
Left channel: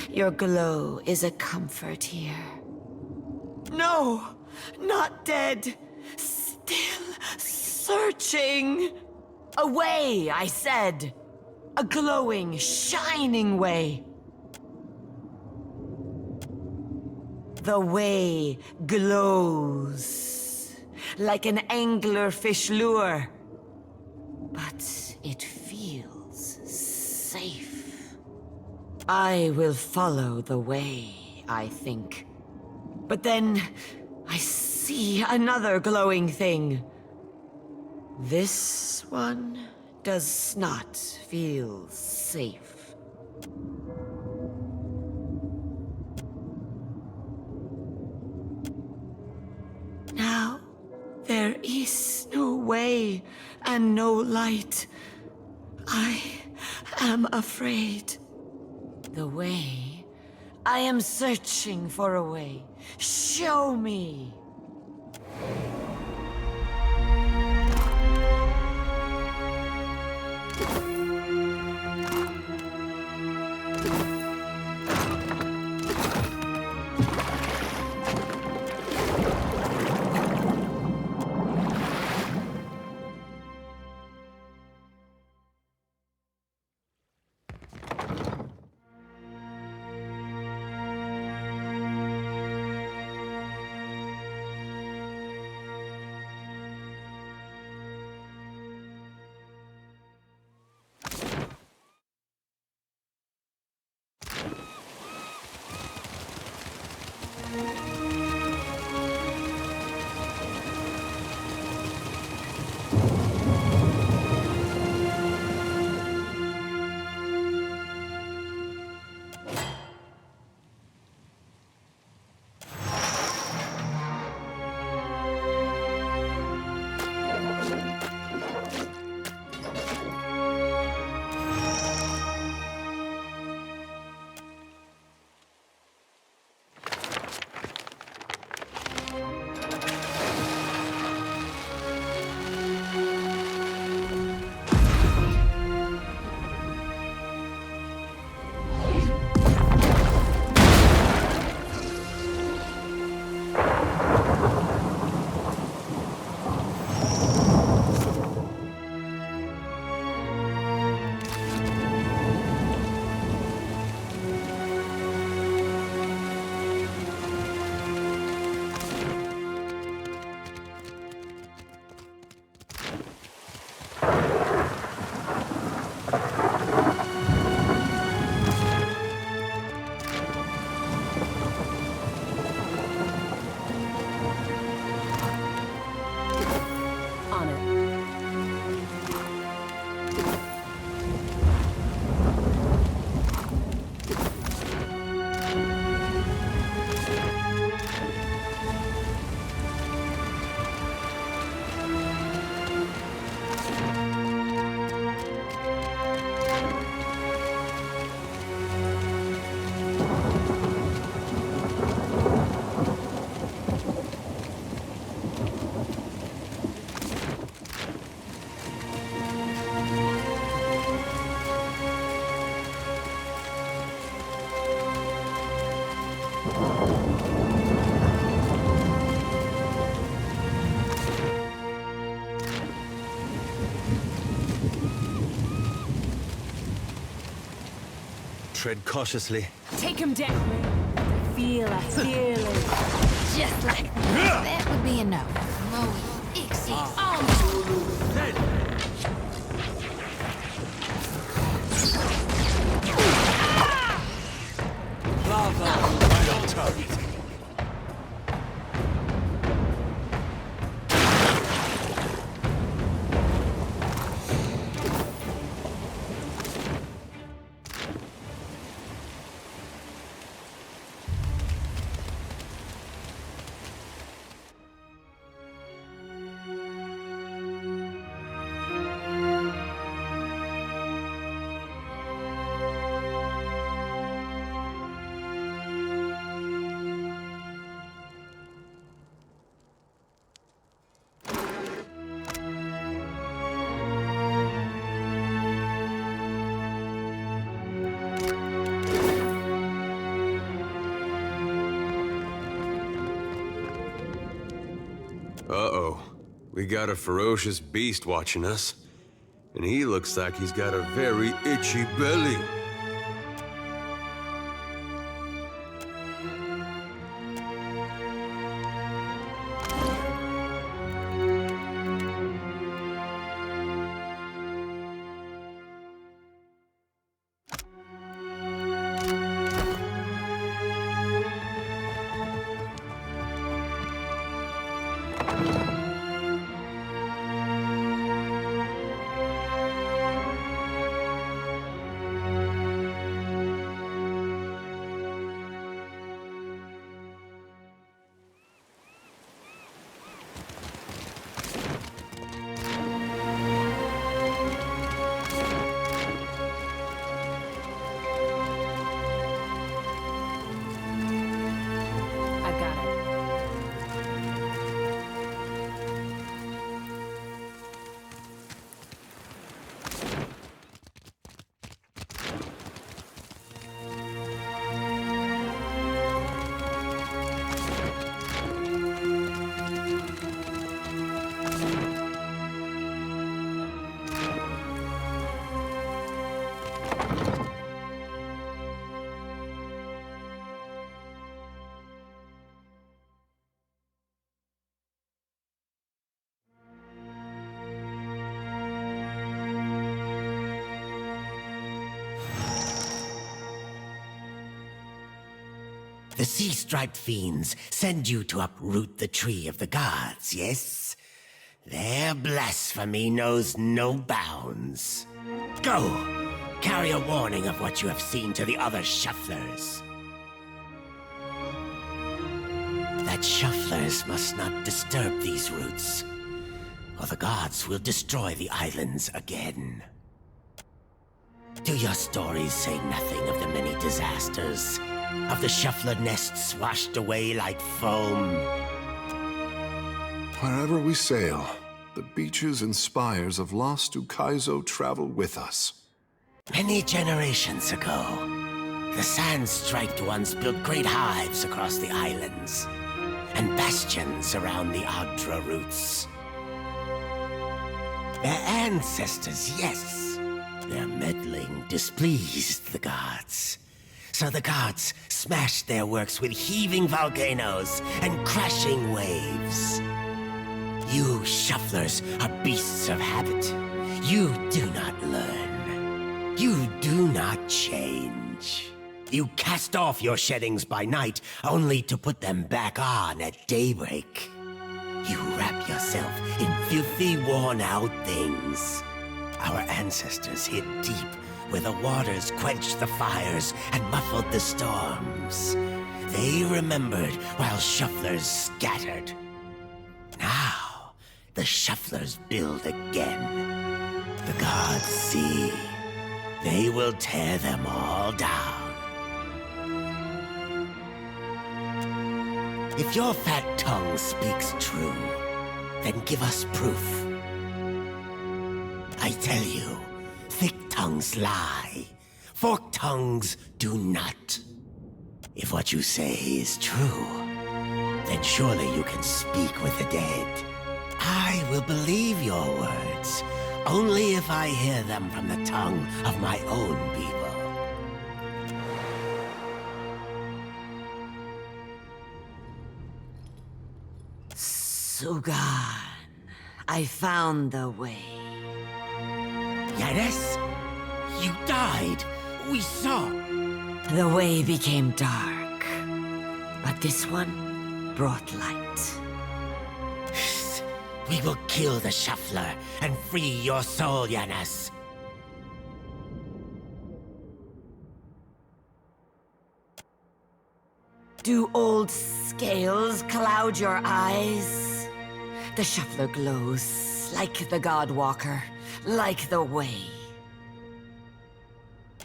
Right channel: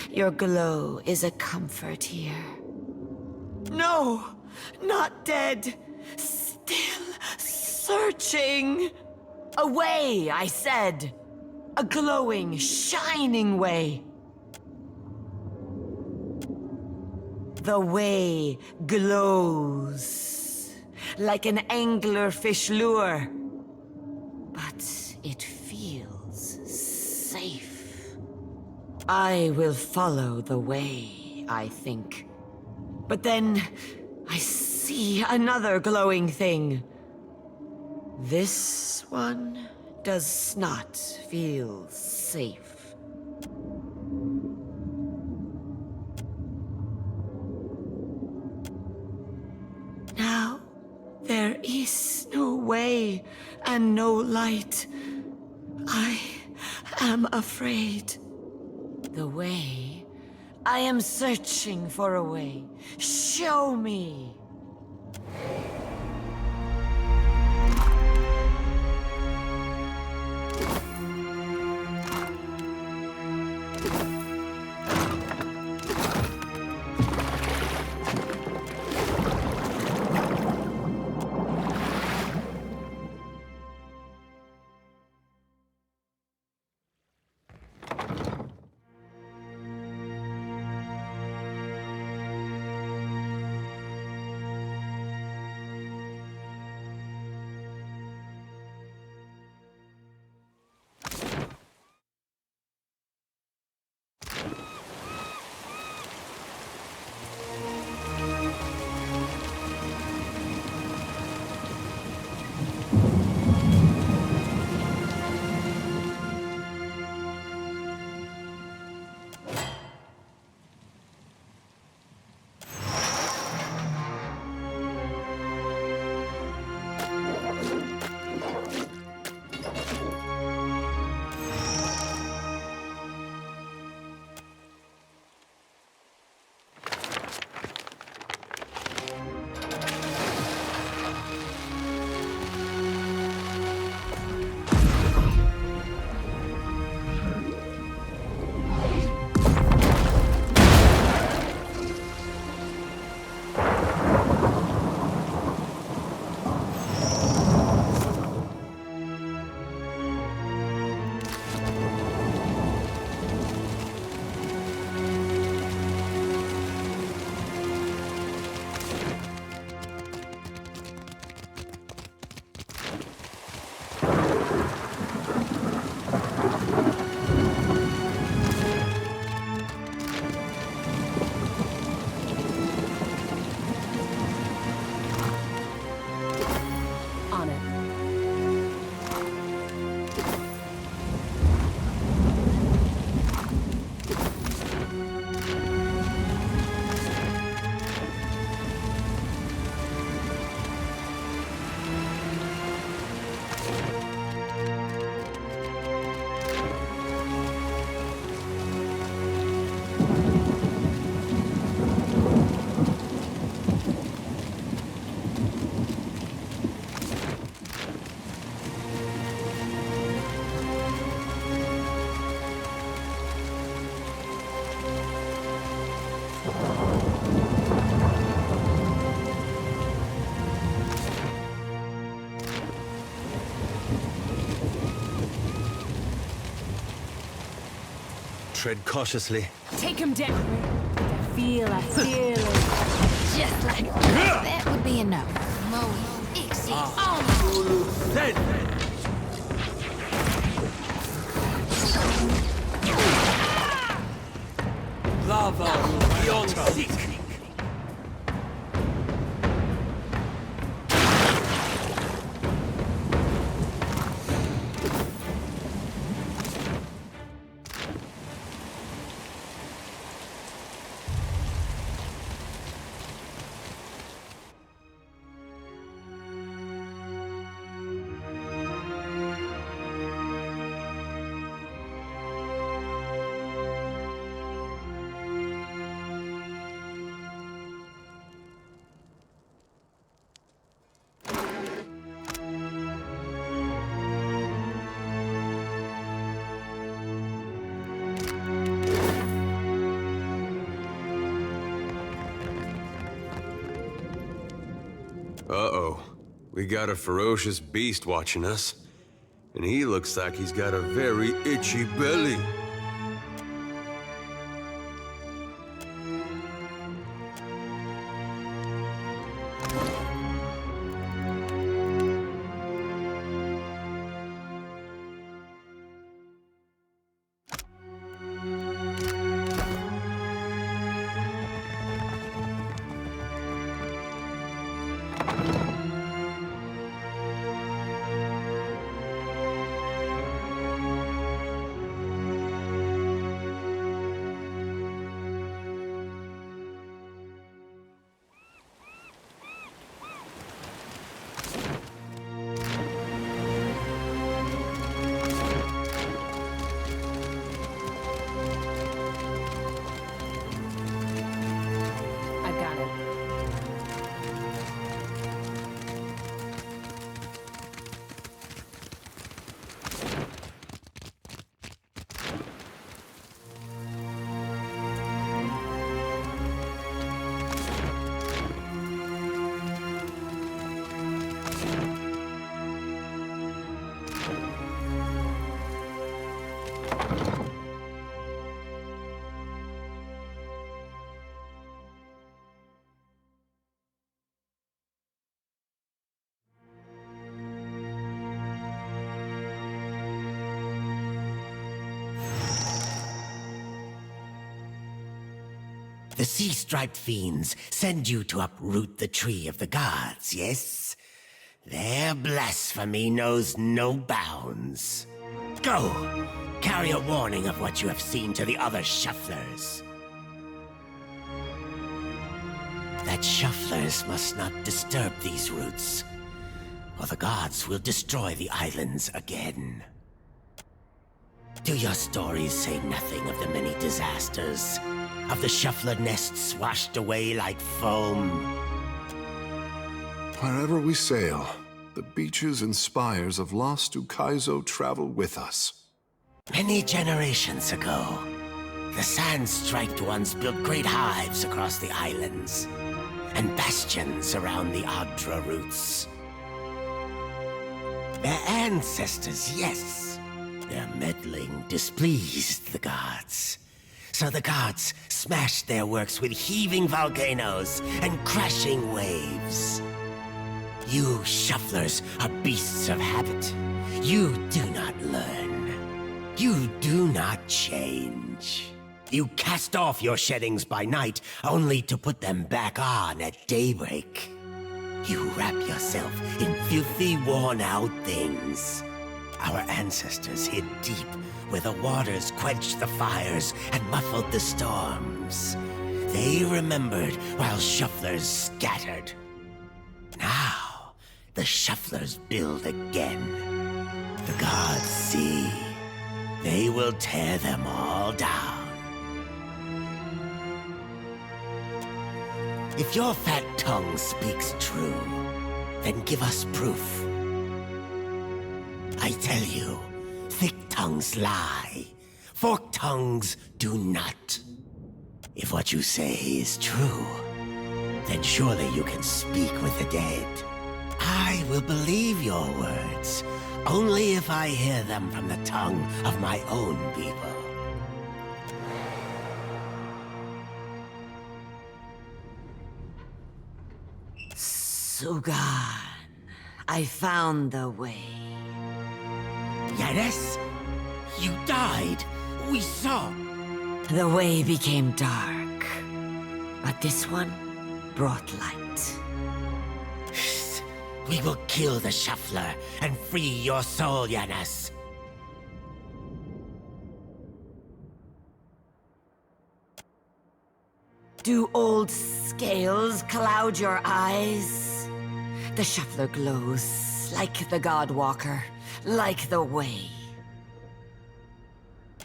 Your glow is a comfort here. No, not dead. Still searching. Away, I said. A glowing, shining way. The way glows like an anglerfish lure. But it feels safe. I will follow the way, I think. But then I see another glowing thing. This one does not feel safe. Now, there is no way and no light. I am afraid. The way? I am searching for a way. Show me. Tread cautiously. Take him down. Feel a feeling. Just like that. That would be a no. Moe, Ixie, Uh-oh. We got a ferocious beast watching us. And he looks like he's got a very itchy belly. I've got it. The sea-striped fiends send you to uproot the tree of the gods, yes? Their blasphemy knows no bounds. Go! Carry a warning of what you have seen to the other shufflers. That shufflers must not disturb these roots, or the gods will destroy the islands again. Do your stories say nothing of the many disasters? Of the shuffler nests washed away like foam? Wherever we sail, the beaches and spires of Lost Ukaizo travel with us. Many generations ago, the sand-striped ones built great hives across the islands, and bastions around the Adra roots. Their ancestors, yes. Their meddling displeased the gods. So the gods smashed their works with heaving volcanoes and crashing waves. You shufflers are beasts of habit. You do not learn. You do not change. You cast off your sheddings by night, only to put them back on at daybreak. You wrap yourself in filthy, worn-out things. Our ancestors hid deep where the waters quenched the fires and muffled the storms. They remembered while shufflers scattered. Now, the shufflers build again. The gods see. They will tear them all down. If your fat tongue speaks true, then give us proof. I tell you, thick tongues lie. Forked tongues do not. If what you say is true, then surely you can speak with the dead. I will believe your words, only if I hear them from the tongue of my own people. Sugan, I found the way. Yanis? You died. We saw. The way became dark, but this one brought light. We will kill the shuffler and free your soul, Yanis. Do old scales cloud your eyes? The shuffler glows like the Godwalker, like the way.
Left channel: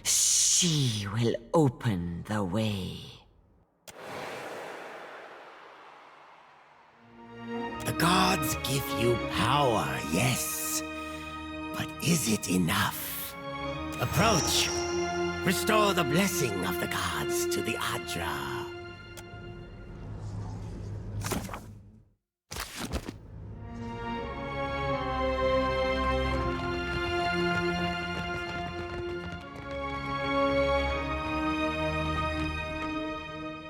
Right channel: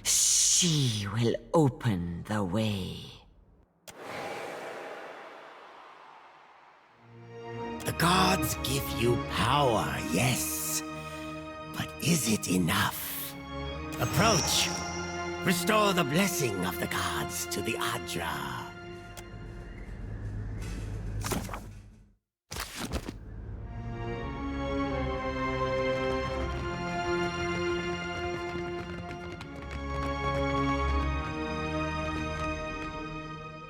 She will open the way. The gods give you power, yes. But is it enough? Approach. Restore the blessing of the gods to the Adra.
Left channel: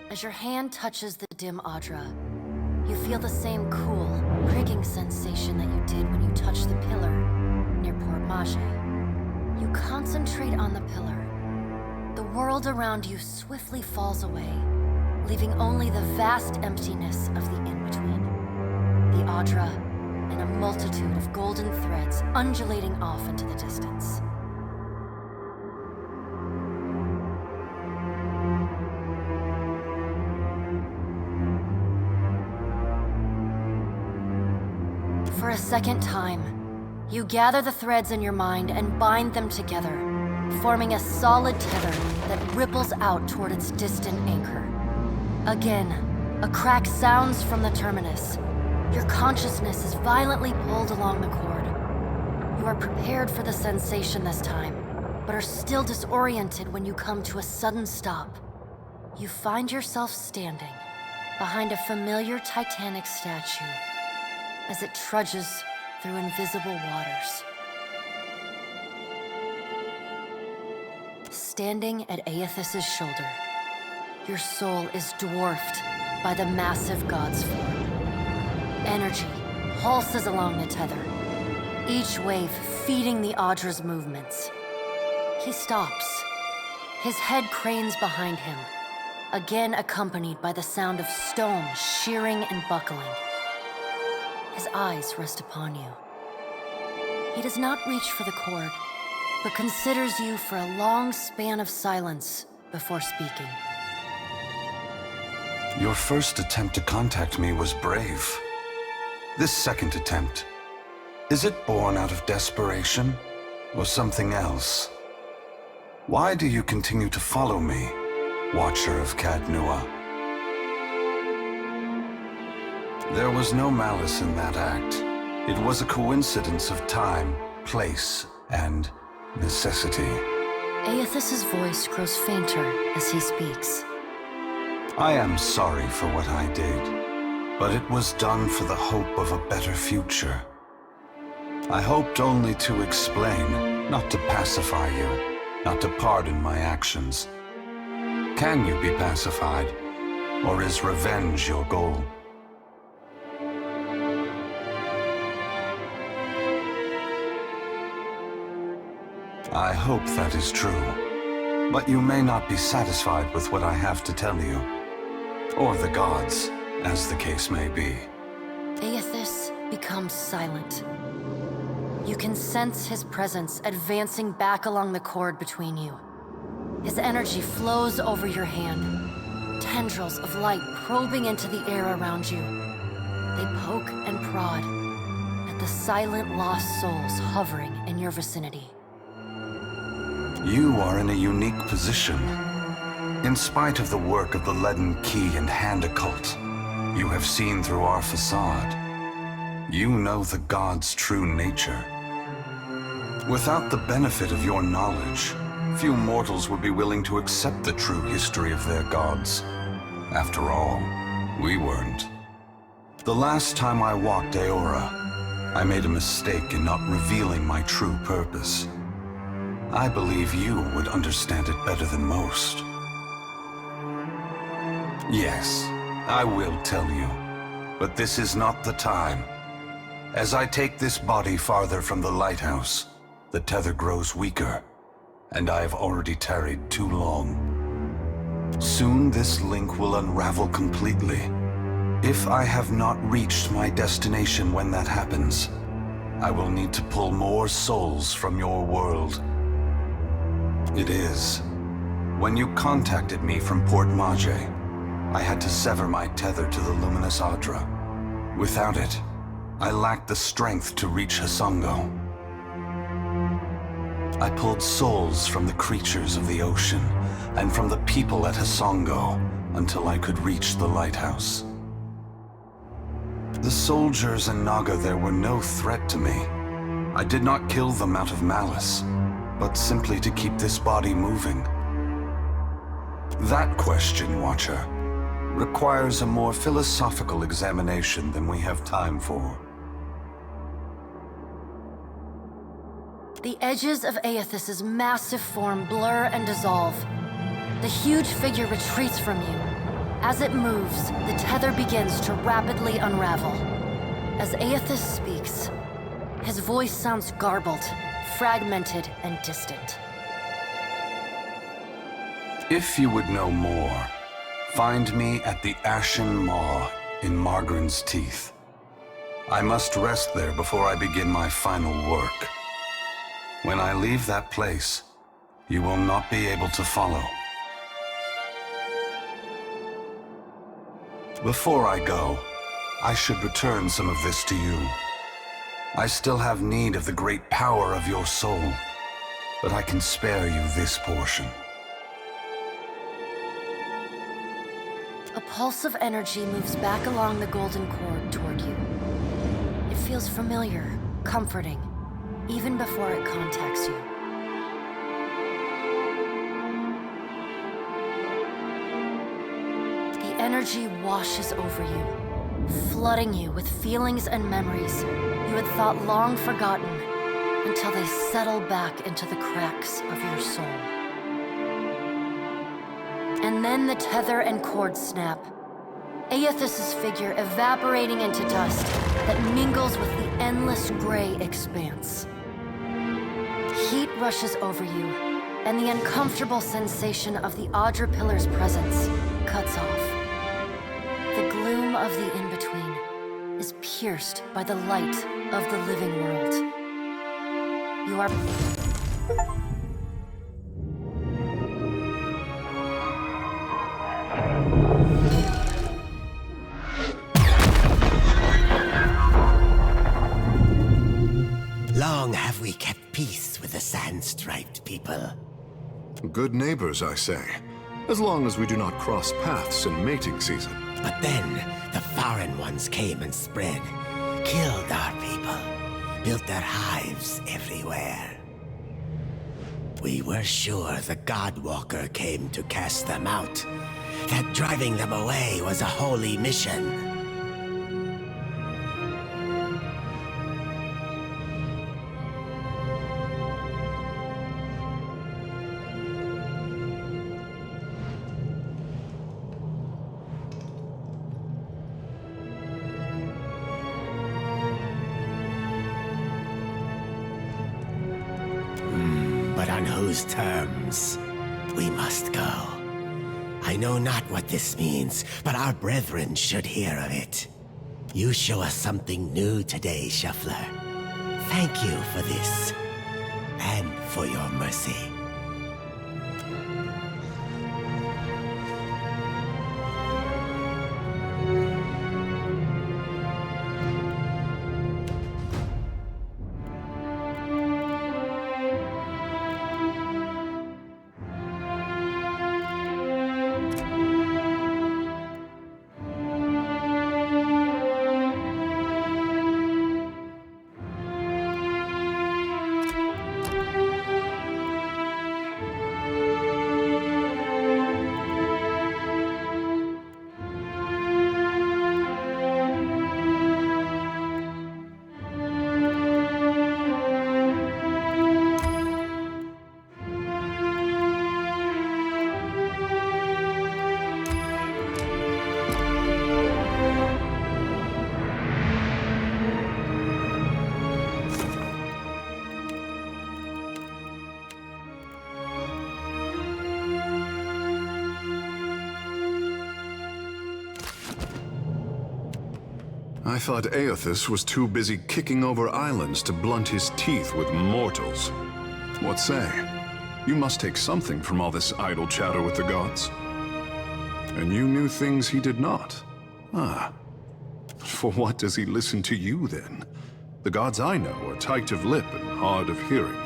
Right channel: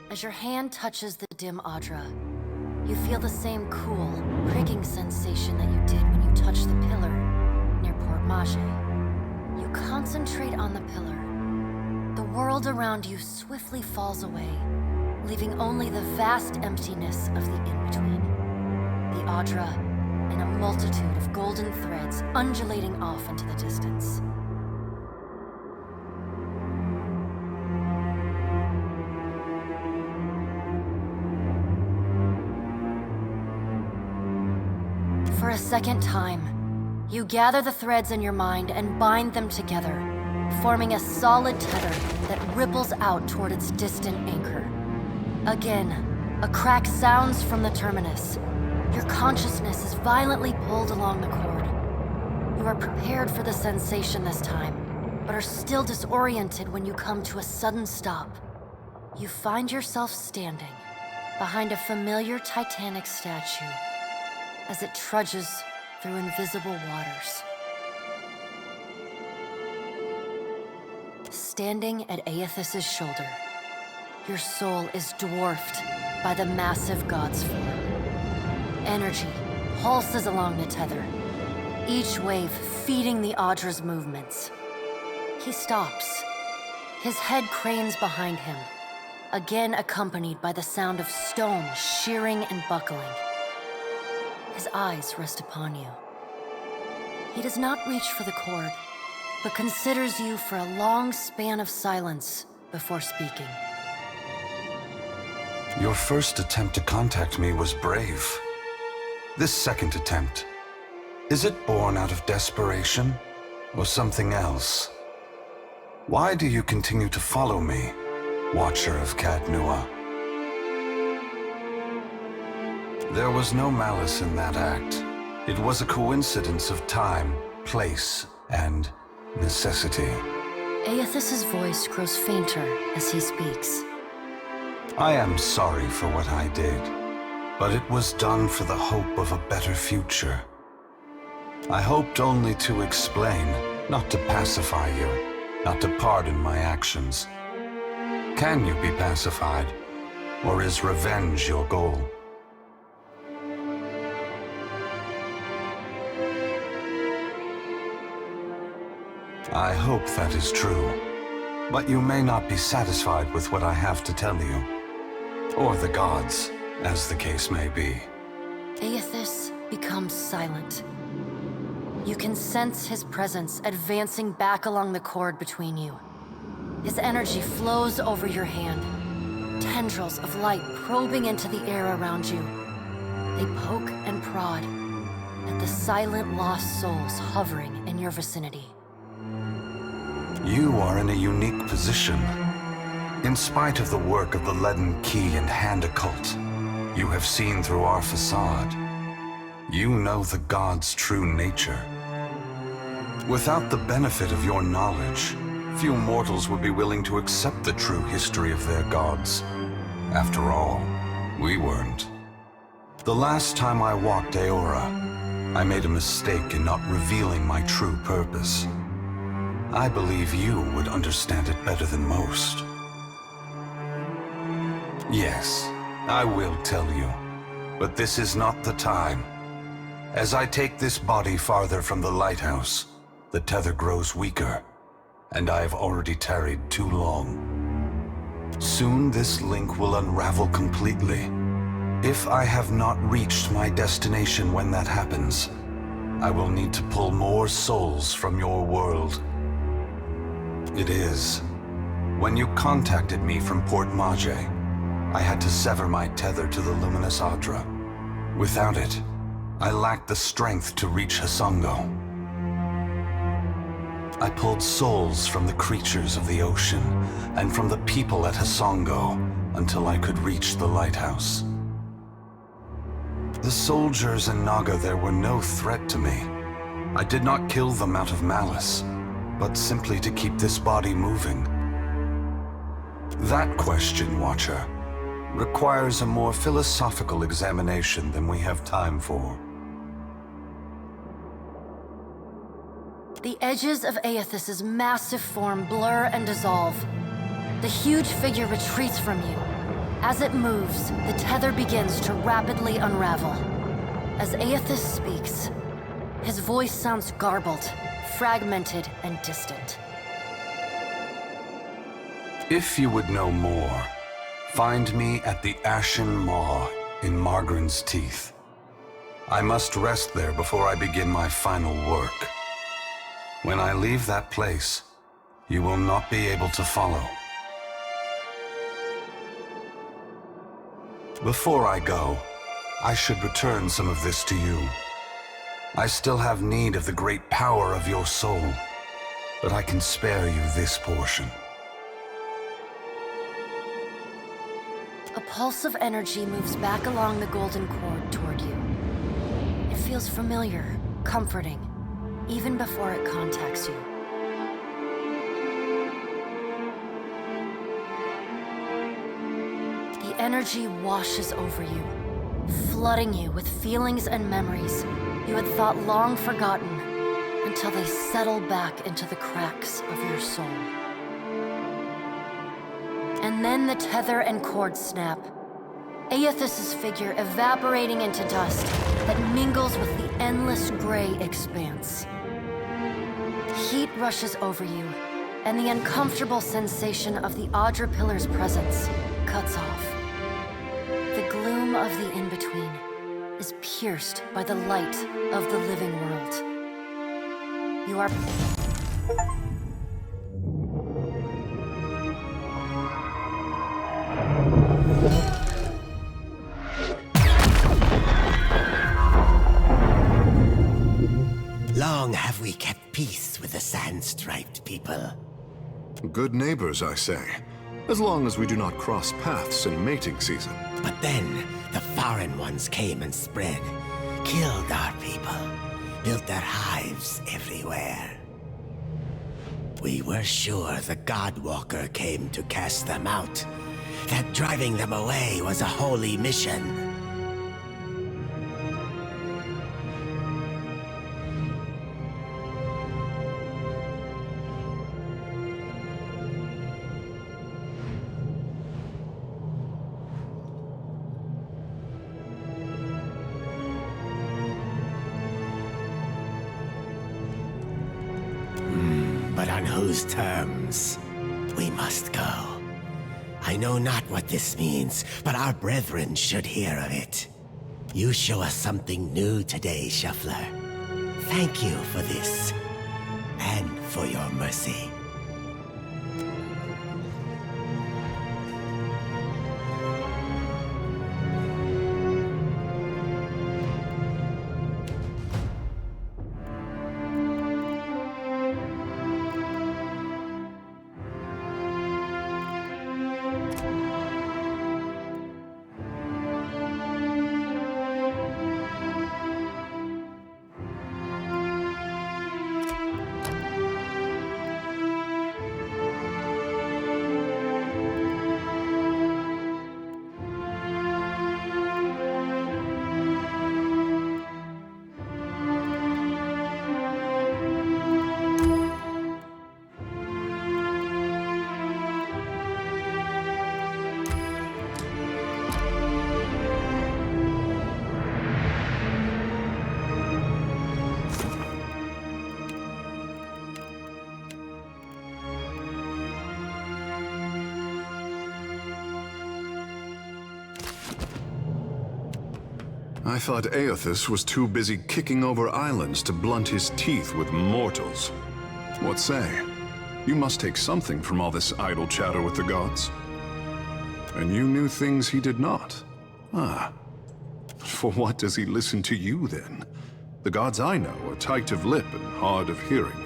As your hand touches the dim Adra, you feel the same cool, pricking sensation that you did when you touched the pillar near Port Mage. You concentrate on the pillar. The world around you swiftly falls away, leaving only the vast emptiness of the in-between. The Adra and a multitude of golden threads undulating off into the distance. For a second time, you gather the threads in your mind and bind them together, forming a solid tether that ripples out toward its distant anchor. Again, a crack sounds from the terminus. Your consciousness is violently pulled along the cord. You are prepared for the sensation this time, but are still disoriented when you come to a sudden stop. You find yourself standing behind a familiar Titanic statue as it trudges through invisible waters. Standing at Aethys' shoulder, your soul is dwarfed by the massive god's form. Energy pulses along the tether, each wave feeding the Adra's movements. He stops. His head cranes behind him, again accompanied by the sound of stone shearing and buckling. His eyes rest upon you. He does not reach for the cord, but considers you for a long span of silence before speaking. Your first attempt to contact me was brave. This second attempt, is it born out of desperation or something else? Why do you continue to follow me, Watcher of Cadnua? There was no malice in that act. It was a coincidence of time, place, and necessity. Aethys' voice grows fainter as he speaks. I am sorry for what I did, but it was done for the hope of a better future. I hoped only to explain, not to pacify you, not to pardon my actions. Can you be pacified, or is revenge your goal? I hope that is true, but you may not be satisfied with what I have to tell you. Or the gods, as the case may be. Aethys becomes silent. You can sense his presence advancing back along the cord between you. His energy flows over your hand, tendrils of light probing into the air around you. They poke and prod at the silent lost souls hovering in your vicinity. You are in a unique position. In spite of the work of the Leaden Key and Hand Occult, you have seen through our facade. You know the gods' true nature. Without the benefit of your knowledge, few mortals would be willing to accept the true history of their gods. After all, we weren't. The last time I walked Aora, I made a mistake in not revealing my true purpose. I believe you would understand it better than most. Yes, I will tell you, But this is not the time. As I take this body farther from the lighthouse, the tether grows weaker, and I have already tarried too long. Soon this link will unravel completely. If I have not reached my destination when that happens, I will need to pull more souls from your world. It is. When you contacted me from Port Mage, I had to sever my tether to the Luminous Adra. Without it, I lacked the strength to reach Hasongo. I pulled souls from the creatures of the ocean and from the people at Hasongo until I could reach the lighthouse. The soldiers and Naga there were no threat to me. I did not kill them out of malice, but simply to keep this body moving. That question, Watcher, requires a more philosophical examination than we have time for. The edges of Aethys's massive form blur and dissolve. The huge figure retreats from you. As it moves, the tether begins to rapidly unravel. As Aethys speaks, his voice sounds garbled, fragmented, and distant. If you would know more, find me at the Ashen Maw in Margren's Teeth. I must rest there before I begin my final work. When I leave that place, you will not be able to follow. Before I go, I should return some of this to you. I still have need of the great power of your soul, but I can spare you this portion. A pulse of energy moves back along the golden cord toward you. It feels familiar, comforting, even before it contacts you. The energy washes over you, flooding you with feelings and memories you had thought long forgotten until they settle back into the cracks of your soul. And then the tether and cord snap, Aethys's figure evaporating into dust that mingles with the endless gray expanse. Heat rushes over you, and the uncomfortable sensation of the Adra Pillar's presence cuts off. The gloom of the in-between is pierced by the light of the living world. You are... Long have we kept peace with the sand-striped people. Good neighbors, I say, as long as we do not cross paths in mating season. But then, the foreign ones came and spread, killed our people, built their hives everywhere. We were sure the Godwalker came to cast them out, that driving them away was a holy mission. But on whose terms? We must go. I know not what this means, but our brethren should hear of it. You show us something new today, Shuffler. Thank you for this, and for your mercy. I thought Aethys was too busy kicking over islands to blunt his teeth with mortals. What say? You must take something from all this idle chatter with the gods. And you knew things he did not. Ah. For what does he listen to you, then? The gods I know are tight of lip and hard of hearing.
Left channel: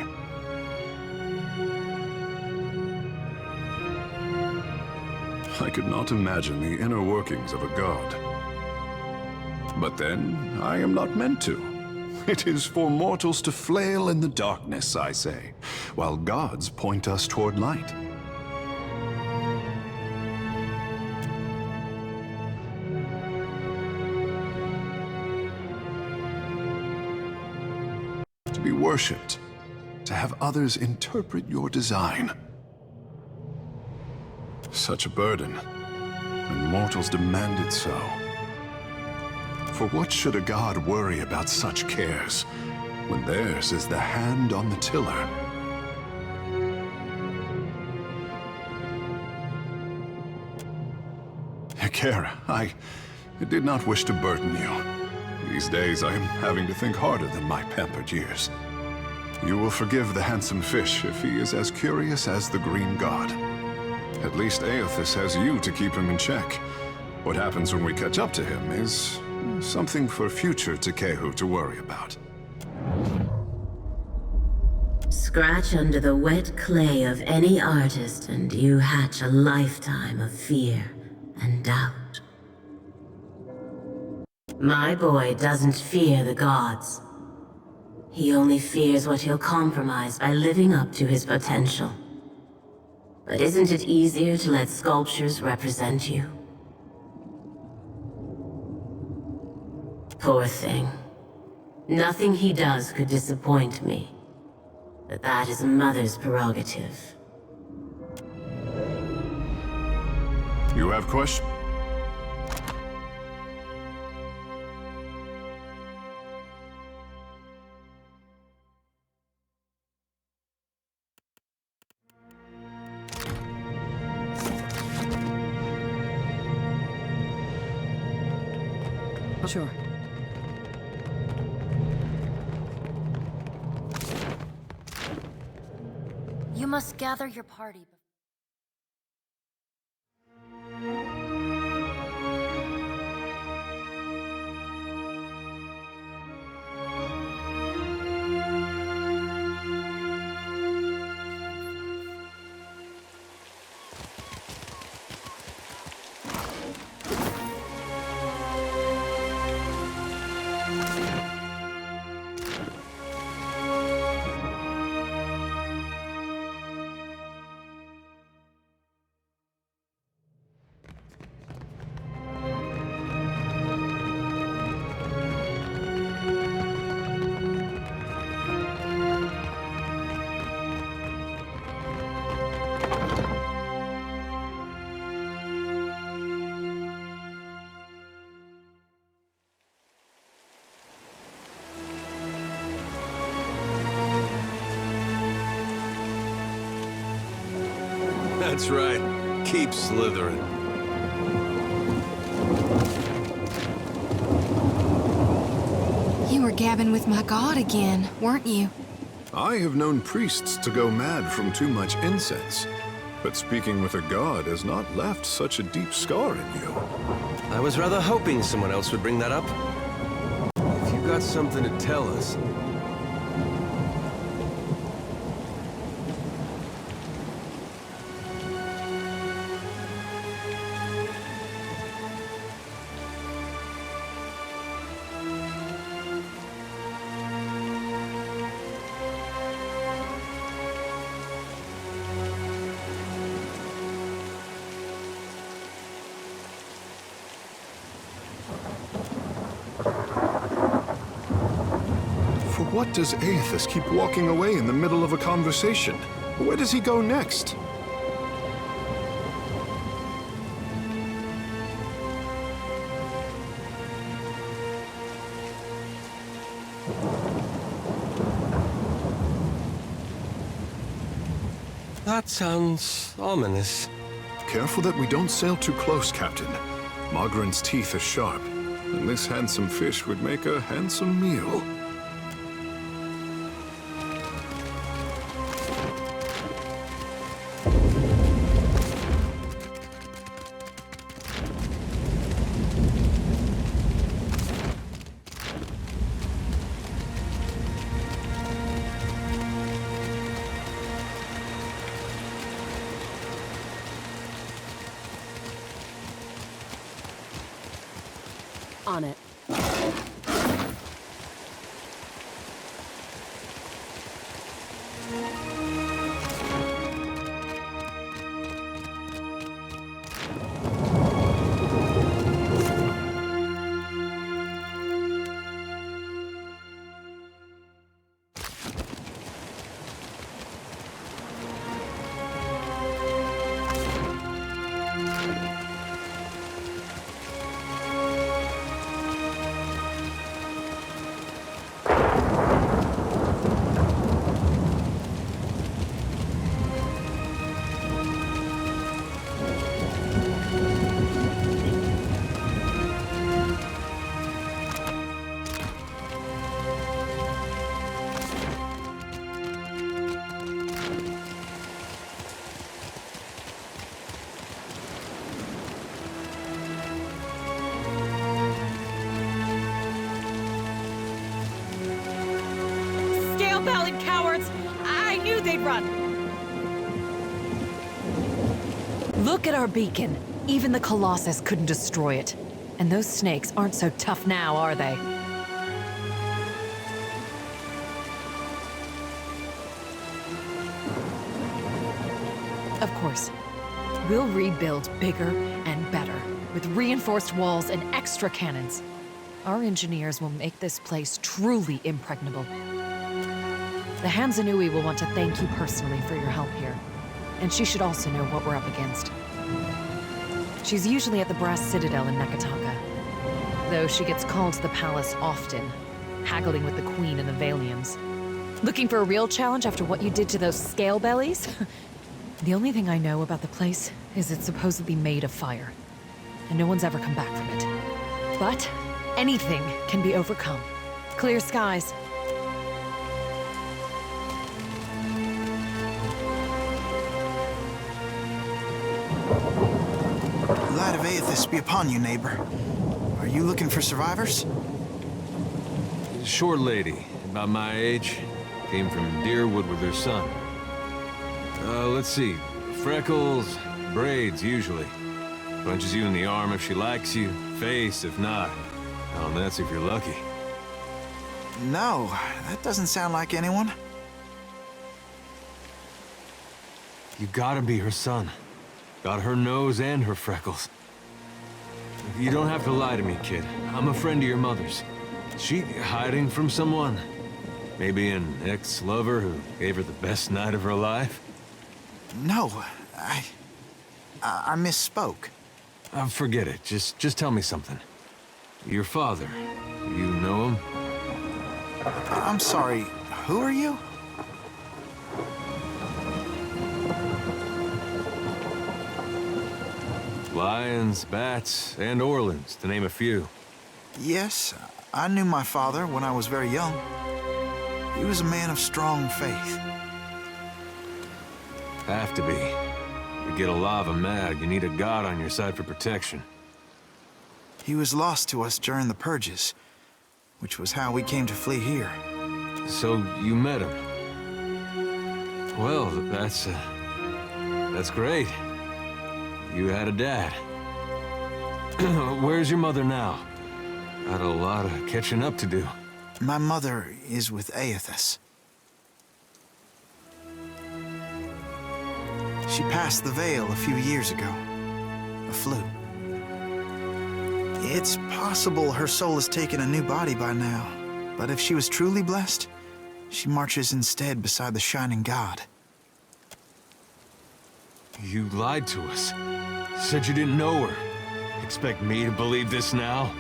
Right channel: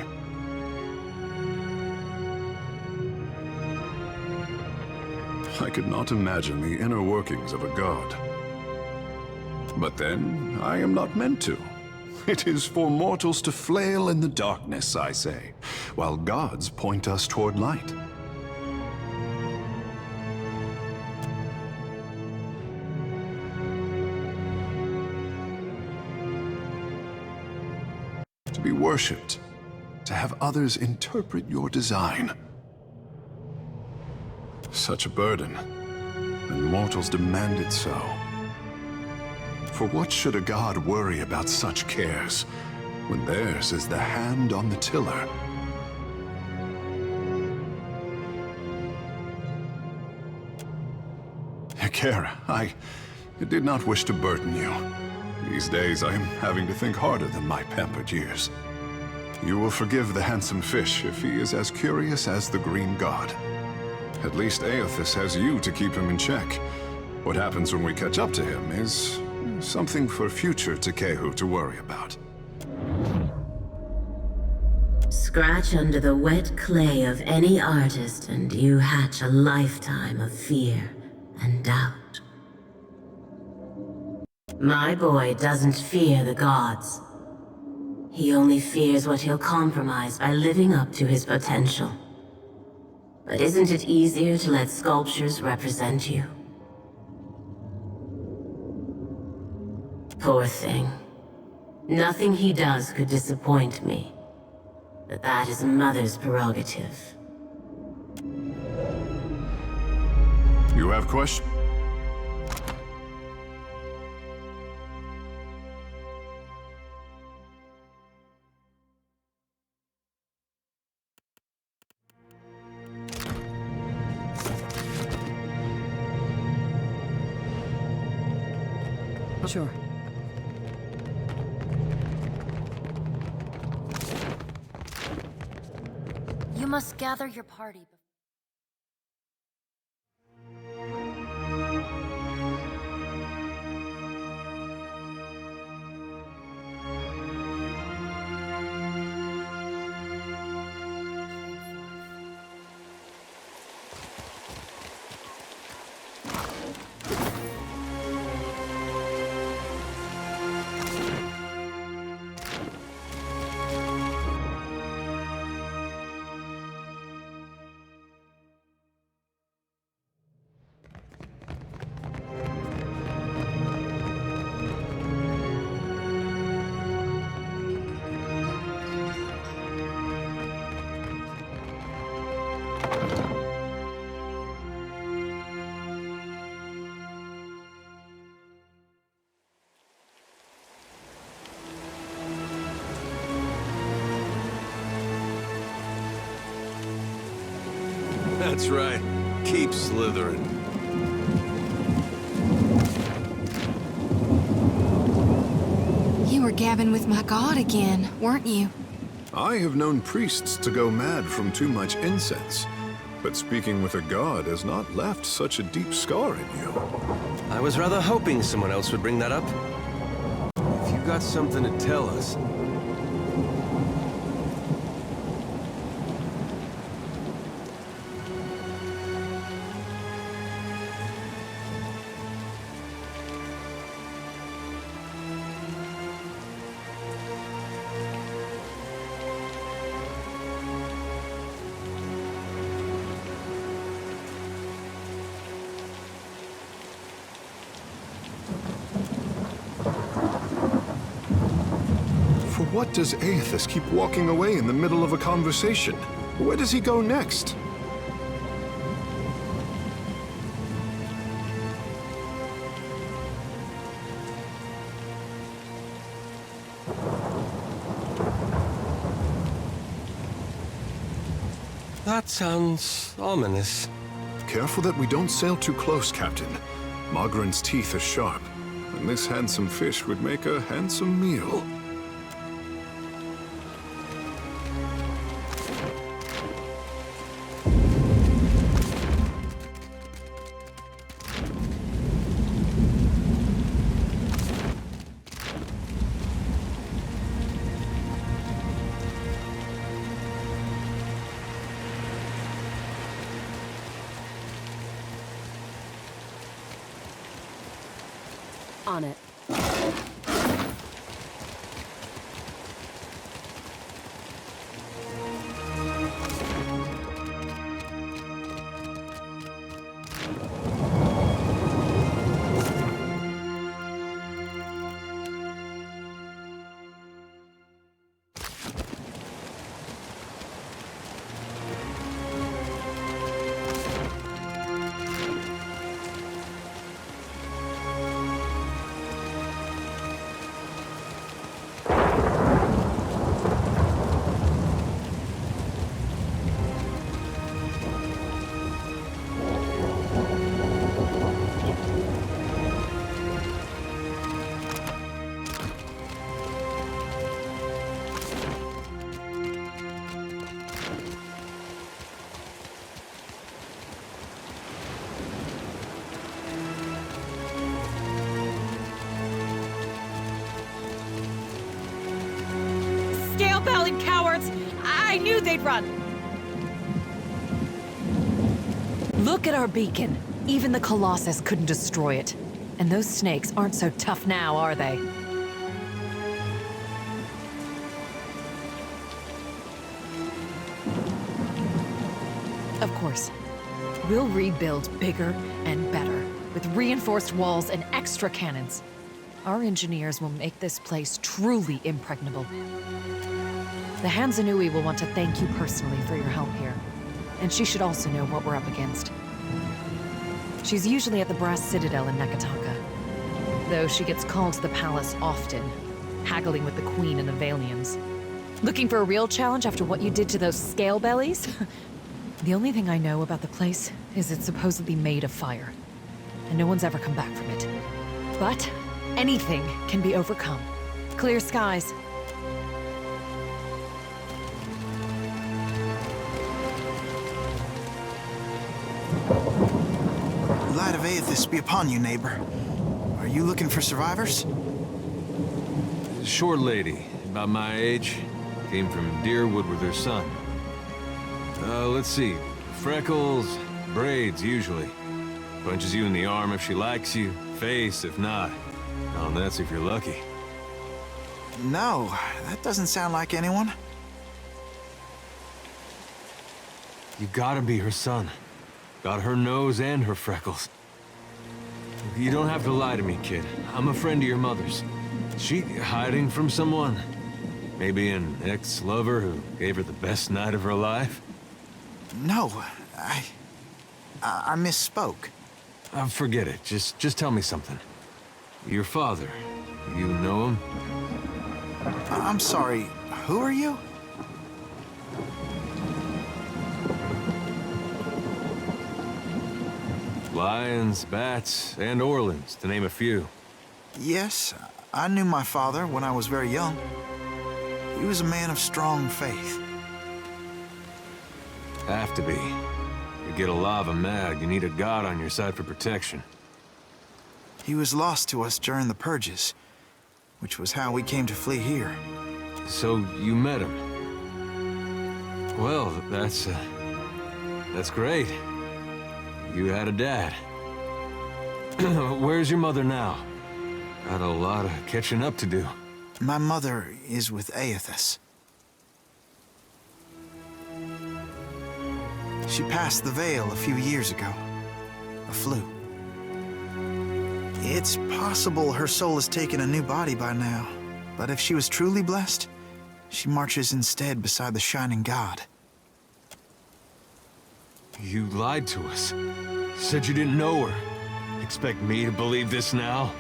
I could not imagine the inner workings of a god. But then, I am not meant to. It is for mortals to flail in the darkness, I say, while gods point us toward light. To be worshipped, to have others interpret your design. Such a burden, and mortals demand it so. For what should a god worry about such cares, when theirs is the hand on the tiller? Hekara, I did not wish to burden you. These days I am having to think harder than my pampered years. You will forgive the handsome fish if he is as curious as the green god. At least Aethys has you to keep him in check. What happens when we catch up to him is something for future Tekehu to worry about. Scratch under the wet clay of any artist and you hatch a lifetime of fear and doubt. My boy doesn't fear the gods. He only fears what he'll compromise by living up to his potential. But isn't it easier to let sculptures represent you? Poor thing. Nothing he does could disappoint me. But that is a mother's prerogative. You have questions? Sure. You must gather your party. That's right. Keep slithering. You were gabbing with my god again, weren't you? I have known priests to go mad from too much incense, but speaking with a god has not left such a deep scar in you. I was rather hoping someone else would bring that up. If you got something to tell us... For what does Aethys keep walking away in the middle of a conversation? Where does he go next? That sounds ominous. Careful that we don't sail too close, Captain. Mogren's teeth are sharp. and this handsome fish would make a handsome meal. On it. Scale-bellied cowards! I knew they'd run! Look at our beacon. Even the Colossus couldn't destroy it. And those snakes aren't so tough now, are they? Of course. We'll rebuild bigger and better, with reinforced walls and extra cannons. Our engineers will make this place truly impregnable. The Hansanui will want to thank you personally for your help here. And she should also know what we're up against. She's usually at the Brass Citadel in Nakataka, though she gets called to the palace often, haggling with the Queen and the Valians. Looking for a real challenge after what you did to those scale bellies? The only thing I know about the place is it's supposedly made of fire, and no one's ever come back from it. But anything can be overcome. Clear skies. Light of Aethys be upon you, neighbor. Are you looking for survivors? Short lady, about my age, came from Deerwood with her son. Let's see. Freckles, braids, usually. Punches you in the arm if she likes you, face if not. Oh, and that's if you're lucky. No, that doesn't sound like anyone. You gotta be her son. Got her nose and her freckles. You don't have to lie to me, kid. I'm a friend of your mother's. Is she hiding from someone? Maybe an ex-lover who gave her the best night of her life? No, I misspoke. Forget it. Just tell me something. Your father, you know him? I'm sorry, who are you? Lions, bats, and Orleans, to name a few. Yes, I knew my father when I was very young. He was a man of strong faith. Have to be. You get a lava mad, you need a god on your side for protection. He was lost to us during the purges, which was how we came to flee here. So you met him? Well, that's great. You had a dad. Where's your mother now? Got a lot of catching up to do. My mother is with Aethys. She passed the veil a few years ago. A flu. It's possible her soul has taken a new body by now, but if she was truly blessed, she marches instead beside the shining god. You lied to us. Said you didn't know her. Expect me to believe this now?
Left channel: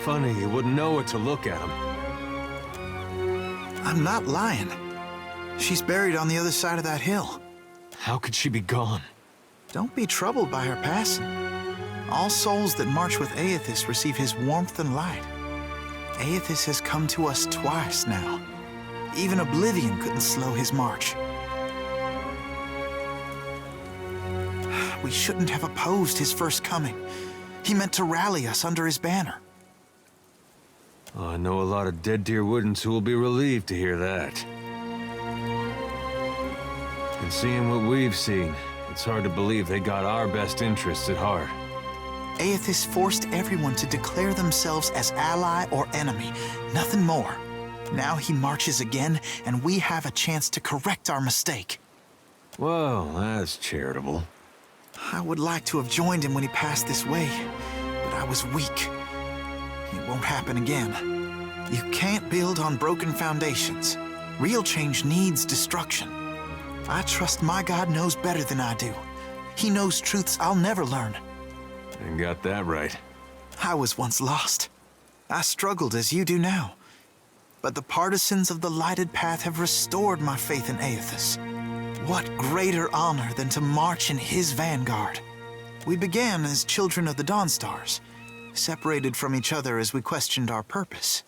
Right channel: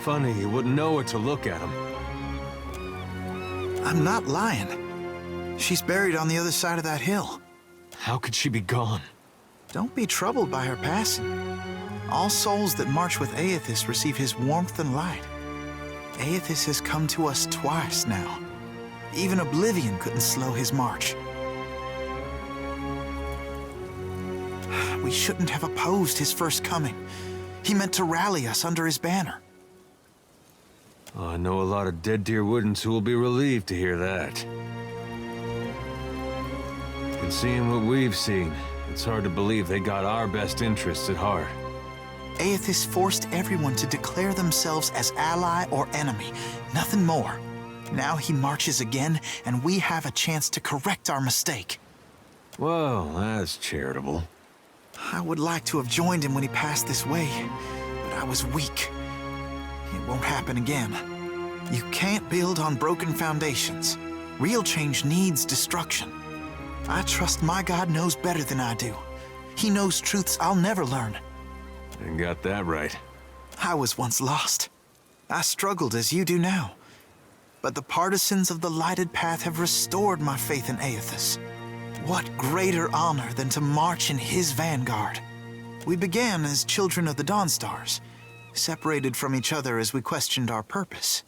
Funny, you wouldn't know what to look at him. I'm not lying. She's buried on the other side of that hill. How could she be gone? Don't be troubled by her passing. All souls that march with Aethys receive his warmth and light. Aethys has come to us twice now. Even oblivion couldn't slow his march. We shouldn't have opposed his first coming. He meant to rally us under his banner. I know a lot of Dead Deer Woodens who will be relieved to hear that. And seeing what we've seen, it's hard to believe they got our best interests at heart. Aethys forced everyone to declare themselves as ally or enemy, nothing more. Now he marches again, and we have a chance to correct our mistake. Well, that's charitable. I would like to have joined him when he passed this way, but I was weak. It won't happen again. You can't build on broken foundations. Real change needs destruction. I trust my God knows better than I do. He knows truths I'll never learn. And got that right. I was once lost. I struggled as you do now. But the partisans of the lighted path have restored my faith in Aethys. What greater honor than to march in his vanguard? We began as children of the Dawnstars, separated from each other as we questioned our purpose.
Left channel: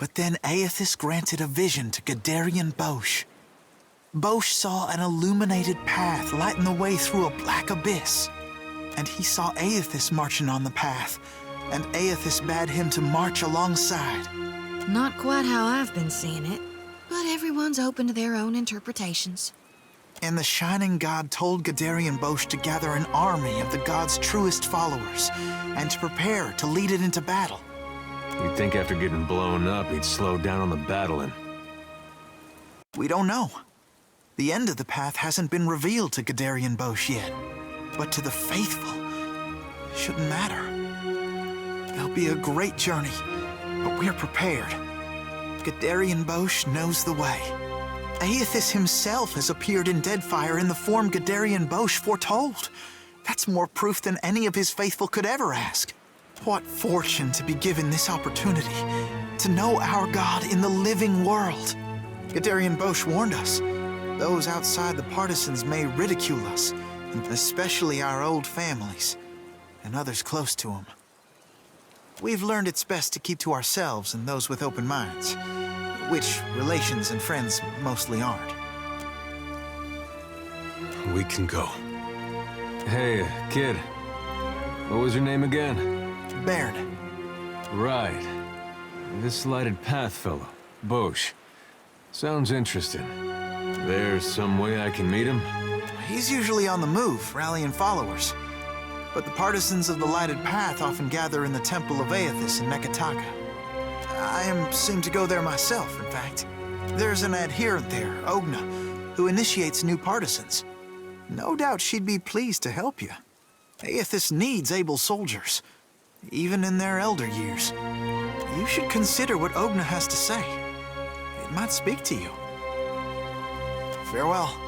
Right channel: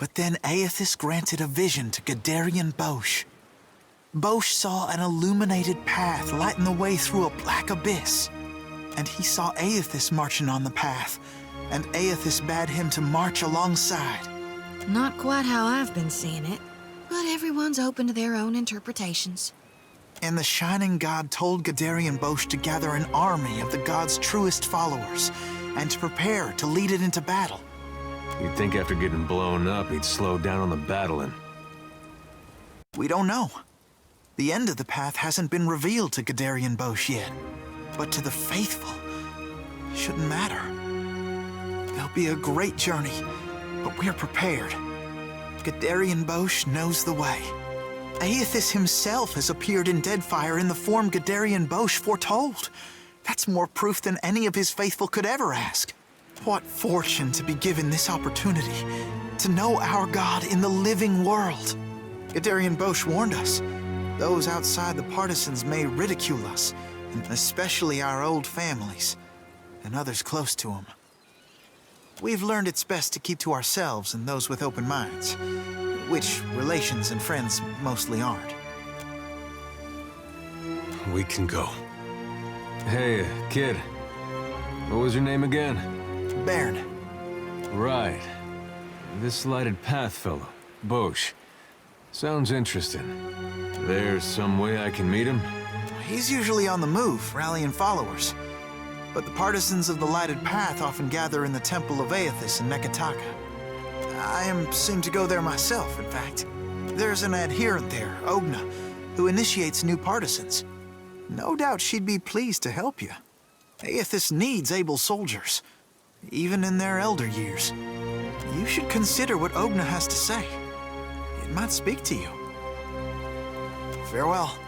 But then Aethys granted a vision to Gadarian Bosch. Bosch saw an illuminated path lighten the way through a black abyss. And he saw Aethys marching on the path, and Aethys bade him to march alongside. Not quite how I've been seeing it, but everyone's open to their own interpretations. And the Shining God told Gadarian Bosch to gather an army of the God's truest followers, and to prepare to lead it into battle. You'd think after getting blown up, he'd slow down on the battling. We don't know. The end of the path hasn't been revealed to Gadarian Bosch yet. But to the faithful, it shouldn't matter. There'll be a great journey, but we're prepared. Gadarian Bosch knows the way. Aethys himself has appeared in Deadfire in the form Gadarian Bosch foretold. That's more proof than any of his faithful could ever ask. What fortune to be given this opportunity, to know our God in the living world. Gadarian Bosch warned us. Those outside the partisans may ridicule us, and especially our old families, and others close to them. We've learned it's best to keep to ourselves and those with open minds, which relations and friends mostly aren't. We can go. Hey, kid. What was your name again? Baird. Right. This lighted path fellow, Bosch. Sounds interesting. There's some way I can meet him? He's usually on the move, rallying followers. But the partisans of the lighted path often gather in the Temple of Aethys in Neketaka. I seem to go there myself, in fact. There's an adherent there, Ogna, who initiates new partisans. No doubt she'd be pleased to help you. Aethys needs able soldiers, even in their elder years. You should consider what Ogna has to say. It might speak to you. Farewell.